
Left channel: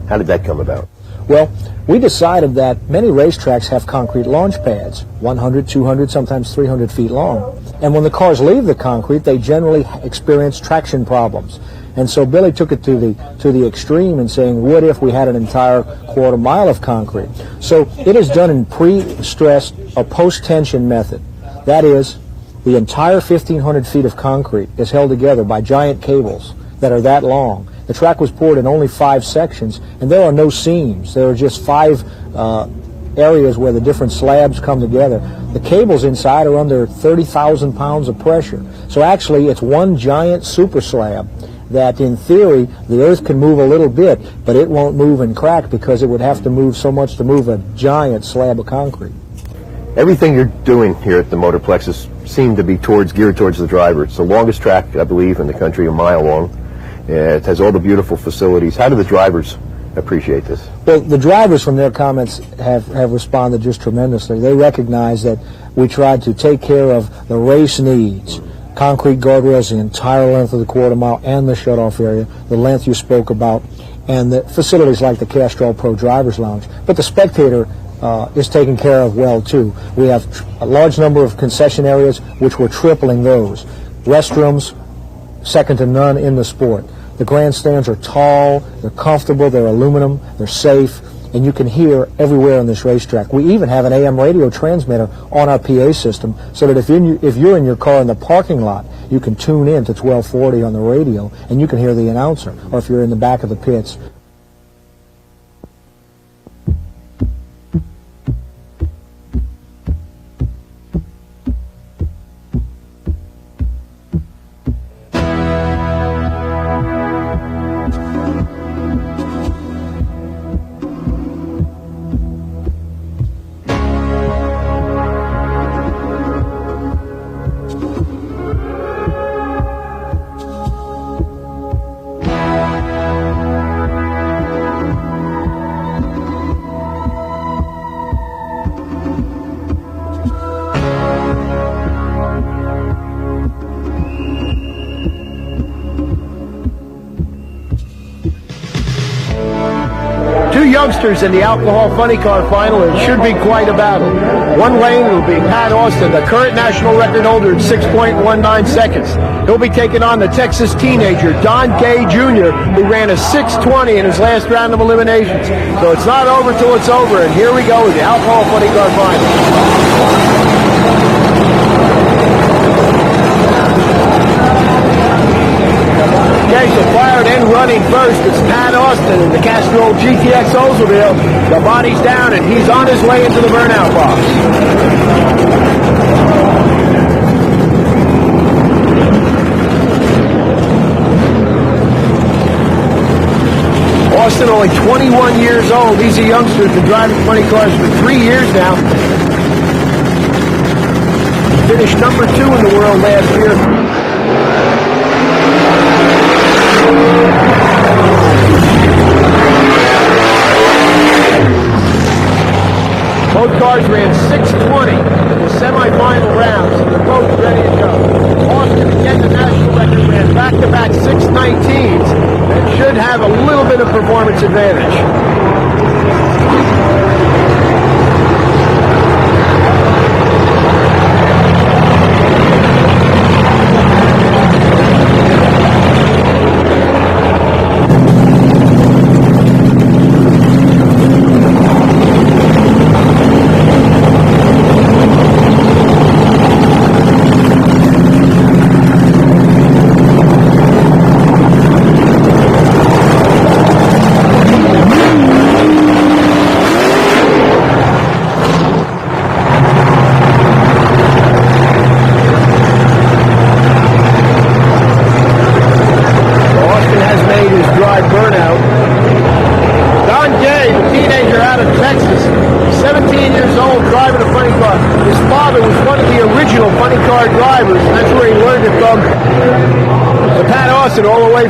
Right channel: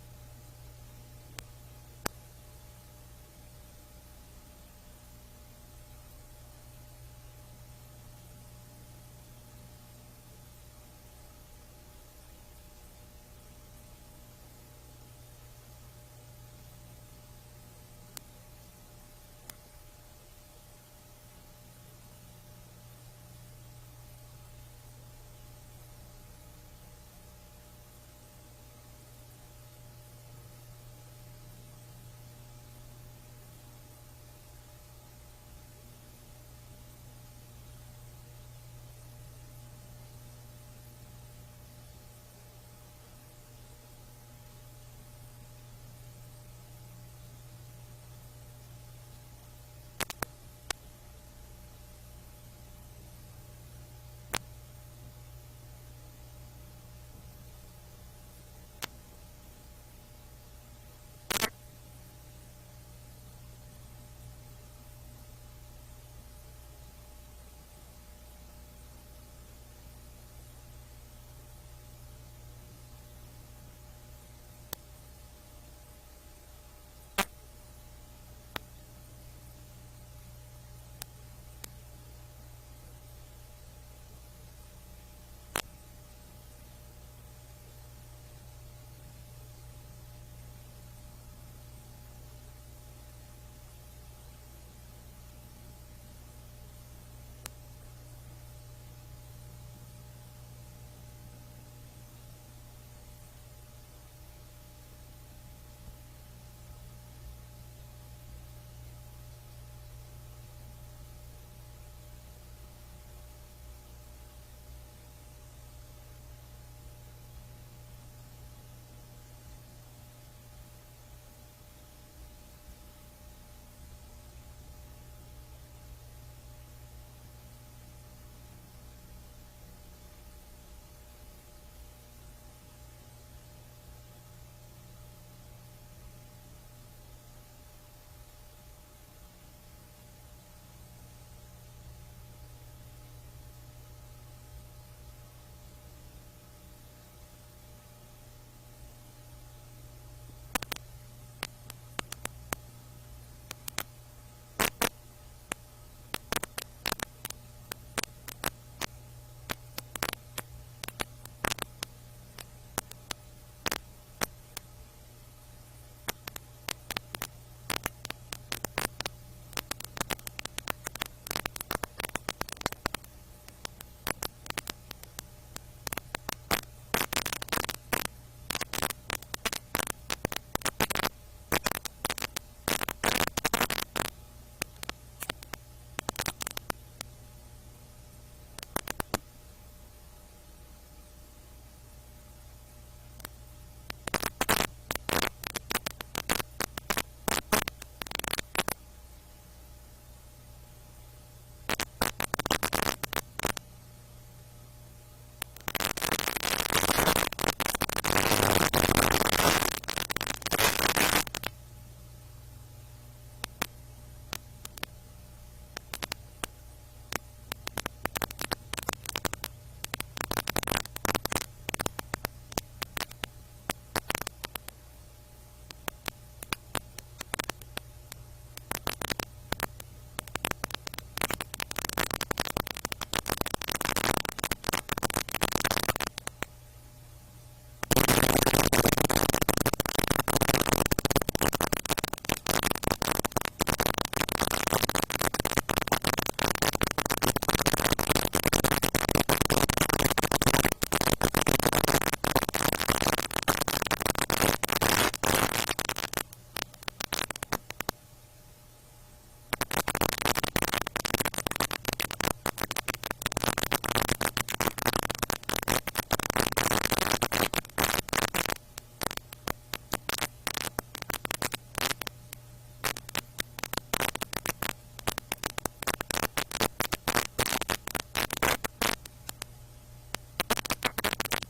How did that come about? Well, we decided that many racetracks have concrete launch pads, 100, 200, sometimes 300 feet long. And when the cars leave the concrete, they generally experience traction problems. And so Billy took it to the extreme in saying, what if we had an entire quarter mile of concrete? So it is done in pre-stressed or post-tension method. That is, the entire 1,500 feet of concrete is held together by giant cables that are that long. The track was poured in only 5 sections, and there are no seams. There are just 5 areas where the different slabs come together. The cables inside are under 30,000 pounds of pressure. So actually, it's one giant super slab that, in theory, the earth can move a little bit, but it won't move and crack because it would have to move so much to move a giant slab of concrete. Everything you're doing here at the Motorplexes seem to be geared towards the driver. It's the longest track, I believe, in the country, a mile long. It has all the beautiful facilities. How do the drivers appreciate this? Well, the drivers, from their comments, have responded just tremendously. They recognize that we tried to take care of the race needs. Concrete guardrails the entire length of the quarter mile and the shutoff area, the length you spoke about, and the facilities like the Castrol Pro Drivers Lounge. But the spectator is taken care of well, too. We have a large number of concession areas, which we're tripling those. Restrooms, second to none in the sport. The grandstands are tall, they're comfortable, they're aluminum, they're safe, and you can hear everywhere on this racetrack. We even have an AM radio transmitter on our PA system so that if you're in your car in the parking lot, you can tune in to 1240 on the radio and you can hear the announcer, or if you're in the back of the pits. Youngsters in the alcohol funny car final. It should be quite a battle. One lane will be Pat Austin, the current national record holder, in 6.19 seconds. He'll be taking on the Texas teenager Don Gay Jr., who ran a 6:20 in his last round of eliminations. So it's not over till it's over, and here we go with the alcohol funny car final. So fired and running first. It's Pat Austin in the Castrol GTX Oldsmobile. The body's down and he's on his way into the burnout box. Austin, only 21 years old. He's a youngster, been driving funny cars for 3 years now. Finished number 2 in the world last year. Both cars ran 6:20 in the semifinal rounds, and they're both ready to go. Austin, again, the national record, ran back-to-back 6:19s and should have a little bit of performance advantage.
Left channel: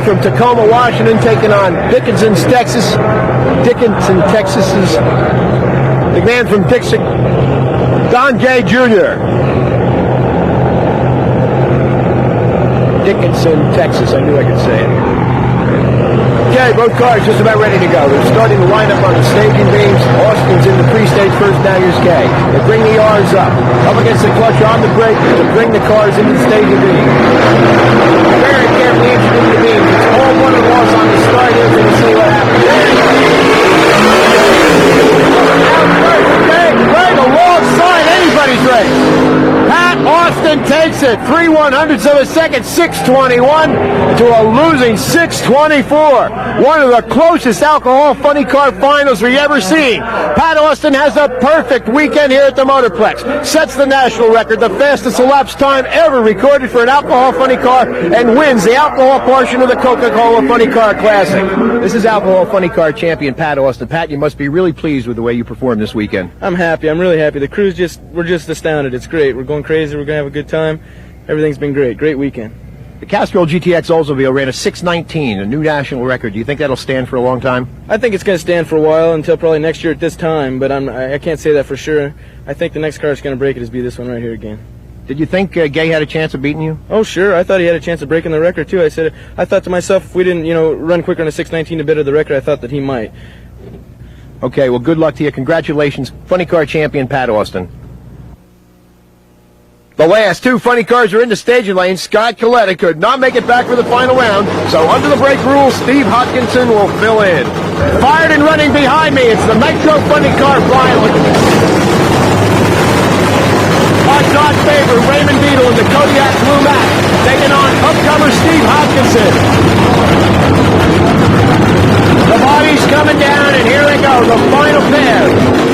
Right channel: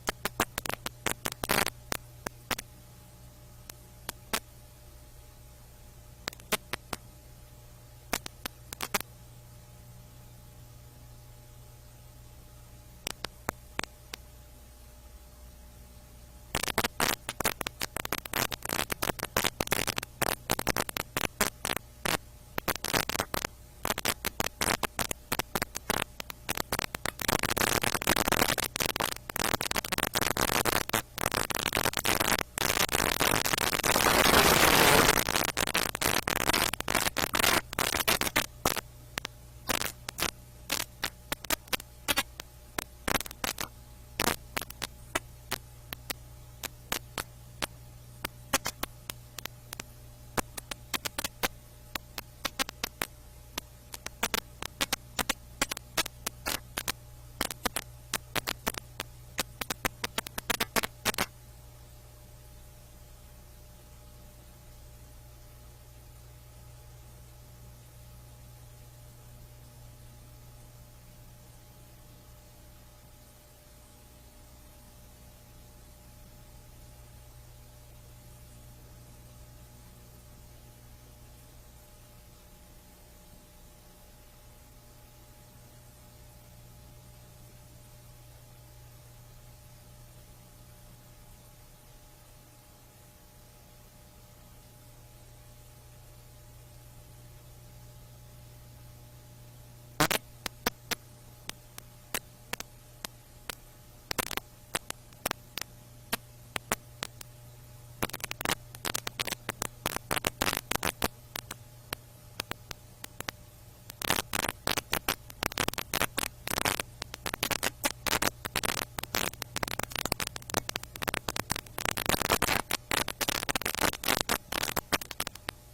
From Tacoma, Washington, taking on Dickinson, Texas. Texas's the man from Dixon, Don Gay Jr. Dickinson, Texas. I knew I could say it. Okay, both cars just about ready to go. They're starting to line up on the staging beams. Austin's in the pre-stage first, now here's Gay. They bring the R's up against the clutch on the brake to bring the cars into the staging beams. Very carefully introducing the beams. It's all one and loss on the start here. We're going to see what happens. Right alongside anybody's race. Pat Austin takes it 3/100ths of a second, 6:21 to a losing 6:24. One of the closest alcohol funny car finals we've ever seen. Pat Austin has a perfect weekend here at the Motorplex. Sets the national record, the fastest elapsed time ever recorded for an alcohol funny car, and wins the alcohol portion of the Coca-Cola Funny Car Classic. This is alcohol funny car champion Pat Austin. Pat, you must be really pleased with the way you performed this weekend. I'm happy. I'm really happy. The crew's we're just astounded. It's great. We're going crazy. We're going to have a good time. Everything's been great. Great weekend. The Castrol GTX Oldsmobile ran a 6:19, a new national record. Do you think that'll stand for a long time? I think it's going to stand for a while, until probably next year at this time, but I can't say that for sure. I think the next car that's going to break it is be this one right here again. Did you think Gay had a chance of beating you? Oh, sure. I thought he had a chance of breaking the record, too. I thought to myself, if we didn't, run quicker on a 6:19 to better the record, I thought that he might. Okay, well, good luck to you. Congratulations, funny car champion Pat Austin. The last two funny cars are in the staging lane. Scott Coletta could not make it back for the final round, so under the brake rules, Steve Hodkinson will fill in. Fired and running behind me, it's the Nitro funny car final. Odds-on favorite, Raymond Beadle in the Kodiak Blue Max, taking on upcomer Steve Hodkinson. The body's coming down, and here they go, the final pair.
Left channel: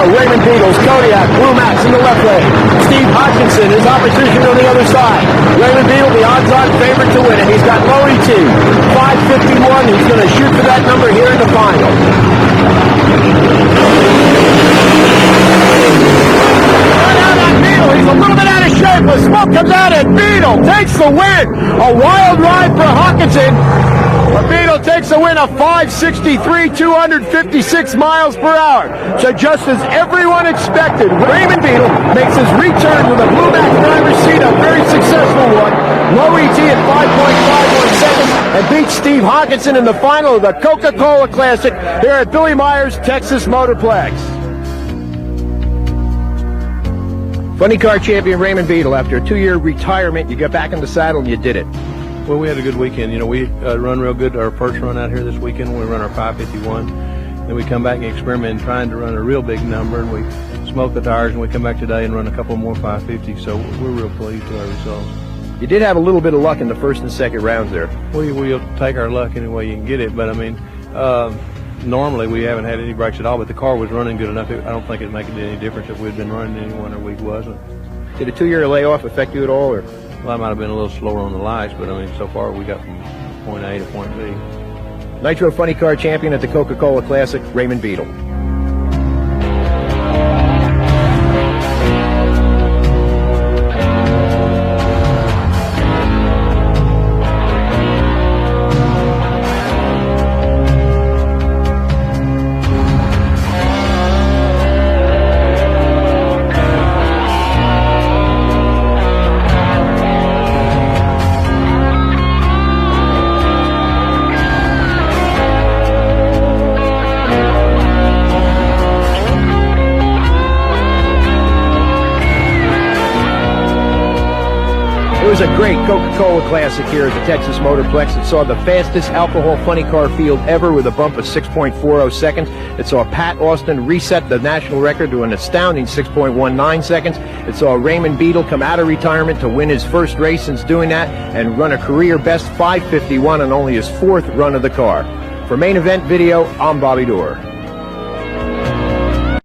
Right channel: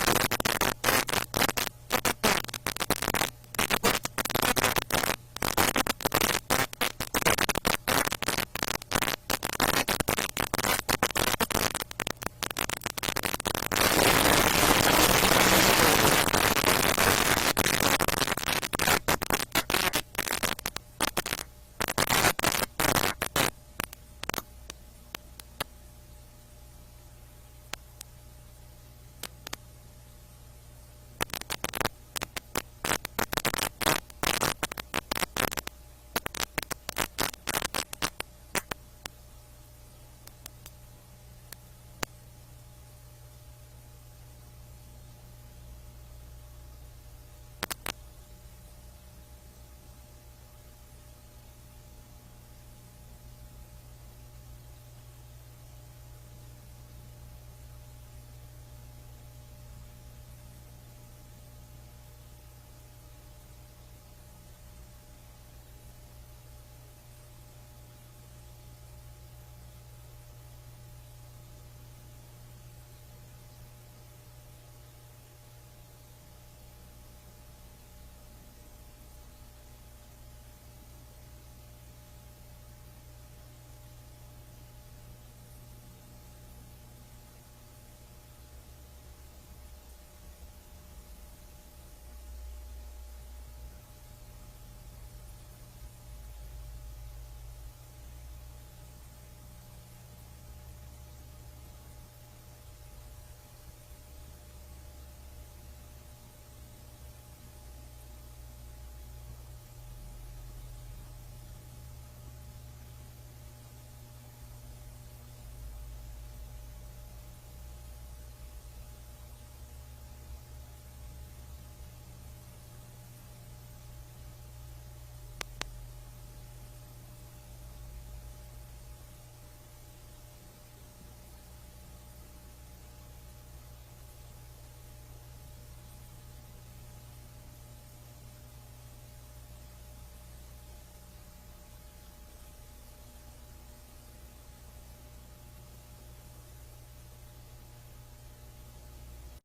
Raymond Beadle's Kodiak Blue Max in the left lane. Steve Hodkinson, his opposition on the other side. Raymond Beadle, the odds-on favorite to win it. He's got low ET, 551. He's going to shoot for that number here in the final. He's a little bit out of shape. The smoke comes out, and Beadle takes the win. A wild ride for Hodkinson. But Beadle takes the win of 563, 256 miles per hour. So just as everyone expected, Raymond Beadle makes his return with a Blue Max driver's seat, a very successful one. Low ET at 5.51 seconds, and beats Steve Hodkinson in the final of the Coca-Cola Classic here at Billy Meyer's Texas Motorplex. Funny car champion Raymond Beadle, after a 2-year retirement, you got back in the saddle and you did it. Well, we had a good weekend. You know, we run real good our first run out here this weekend. We run our 551. Then we come back and experiment trying to run a real big number, and we smoke the tires, and we come back today and run a couple more 550. So we're real pleased with our results. You did have a little bit of luck in the first and second rounds there. We'll take our luck any way you can get it, but I mean, normally we haven't had any breaks at all, but the car was running good enough. I don't think it'd make any difference if we'd been running any one or we wasn't. Did a 2-year layoff affect you at all? Or? Well, I might have been a little slower on the lights, but I mean, so far we got from point A to point B. Nitro Funny Car champion at the Coca-Cola Classic, Raymond Beadle. It was a great Coca-Cola Classic here at the Texas Motorplex. It saw the fastest alcohol funny car field ever with a bump of 6.40 seconds. It saw Pat Austin reset the national record to an astounding 6.19 seconds. It saw Raymond Beadle come out of retirement to win his first race since doing that and run a career best 551 on only his 4th run of the car. For Main Event Video, I'm Bobby Doerr.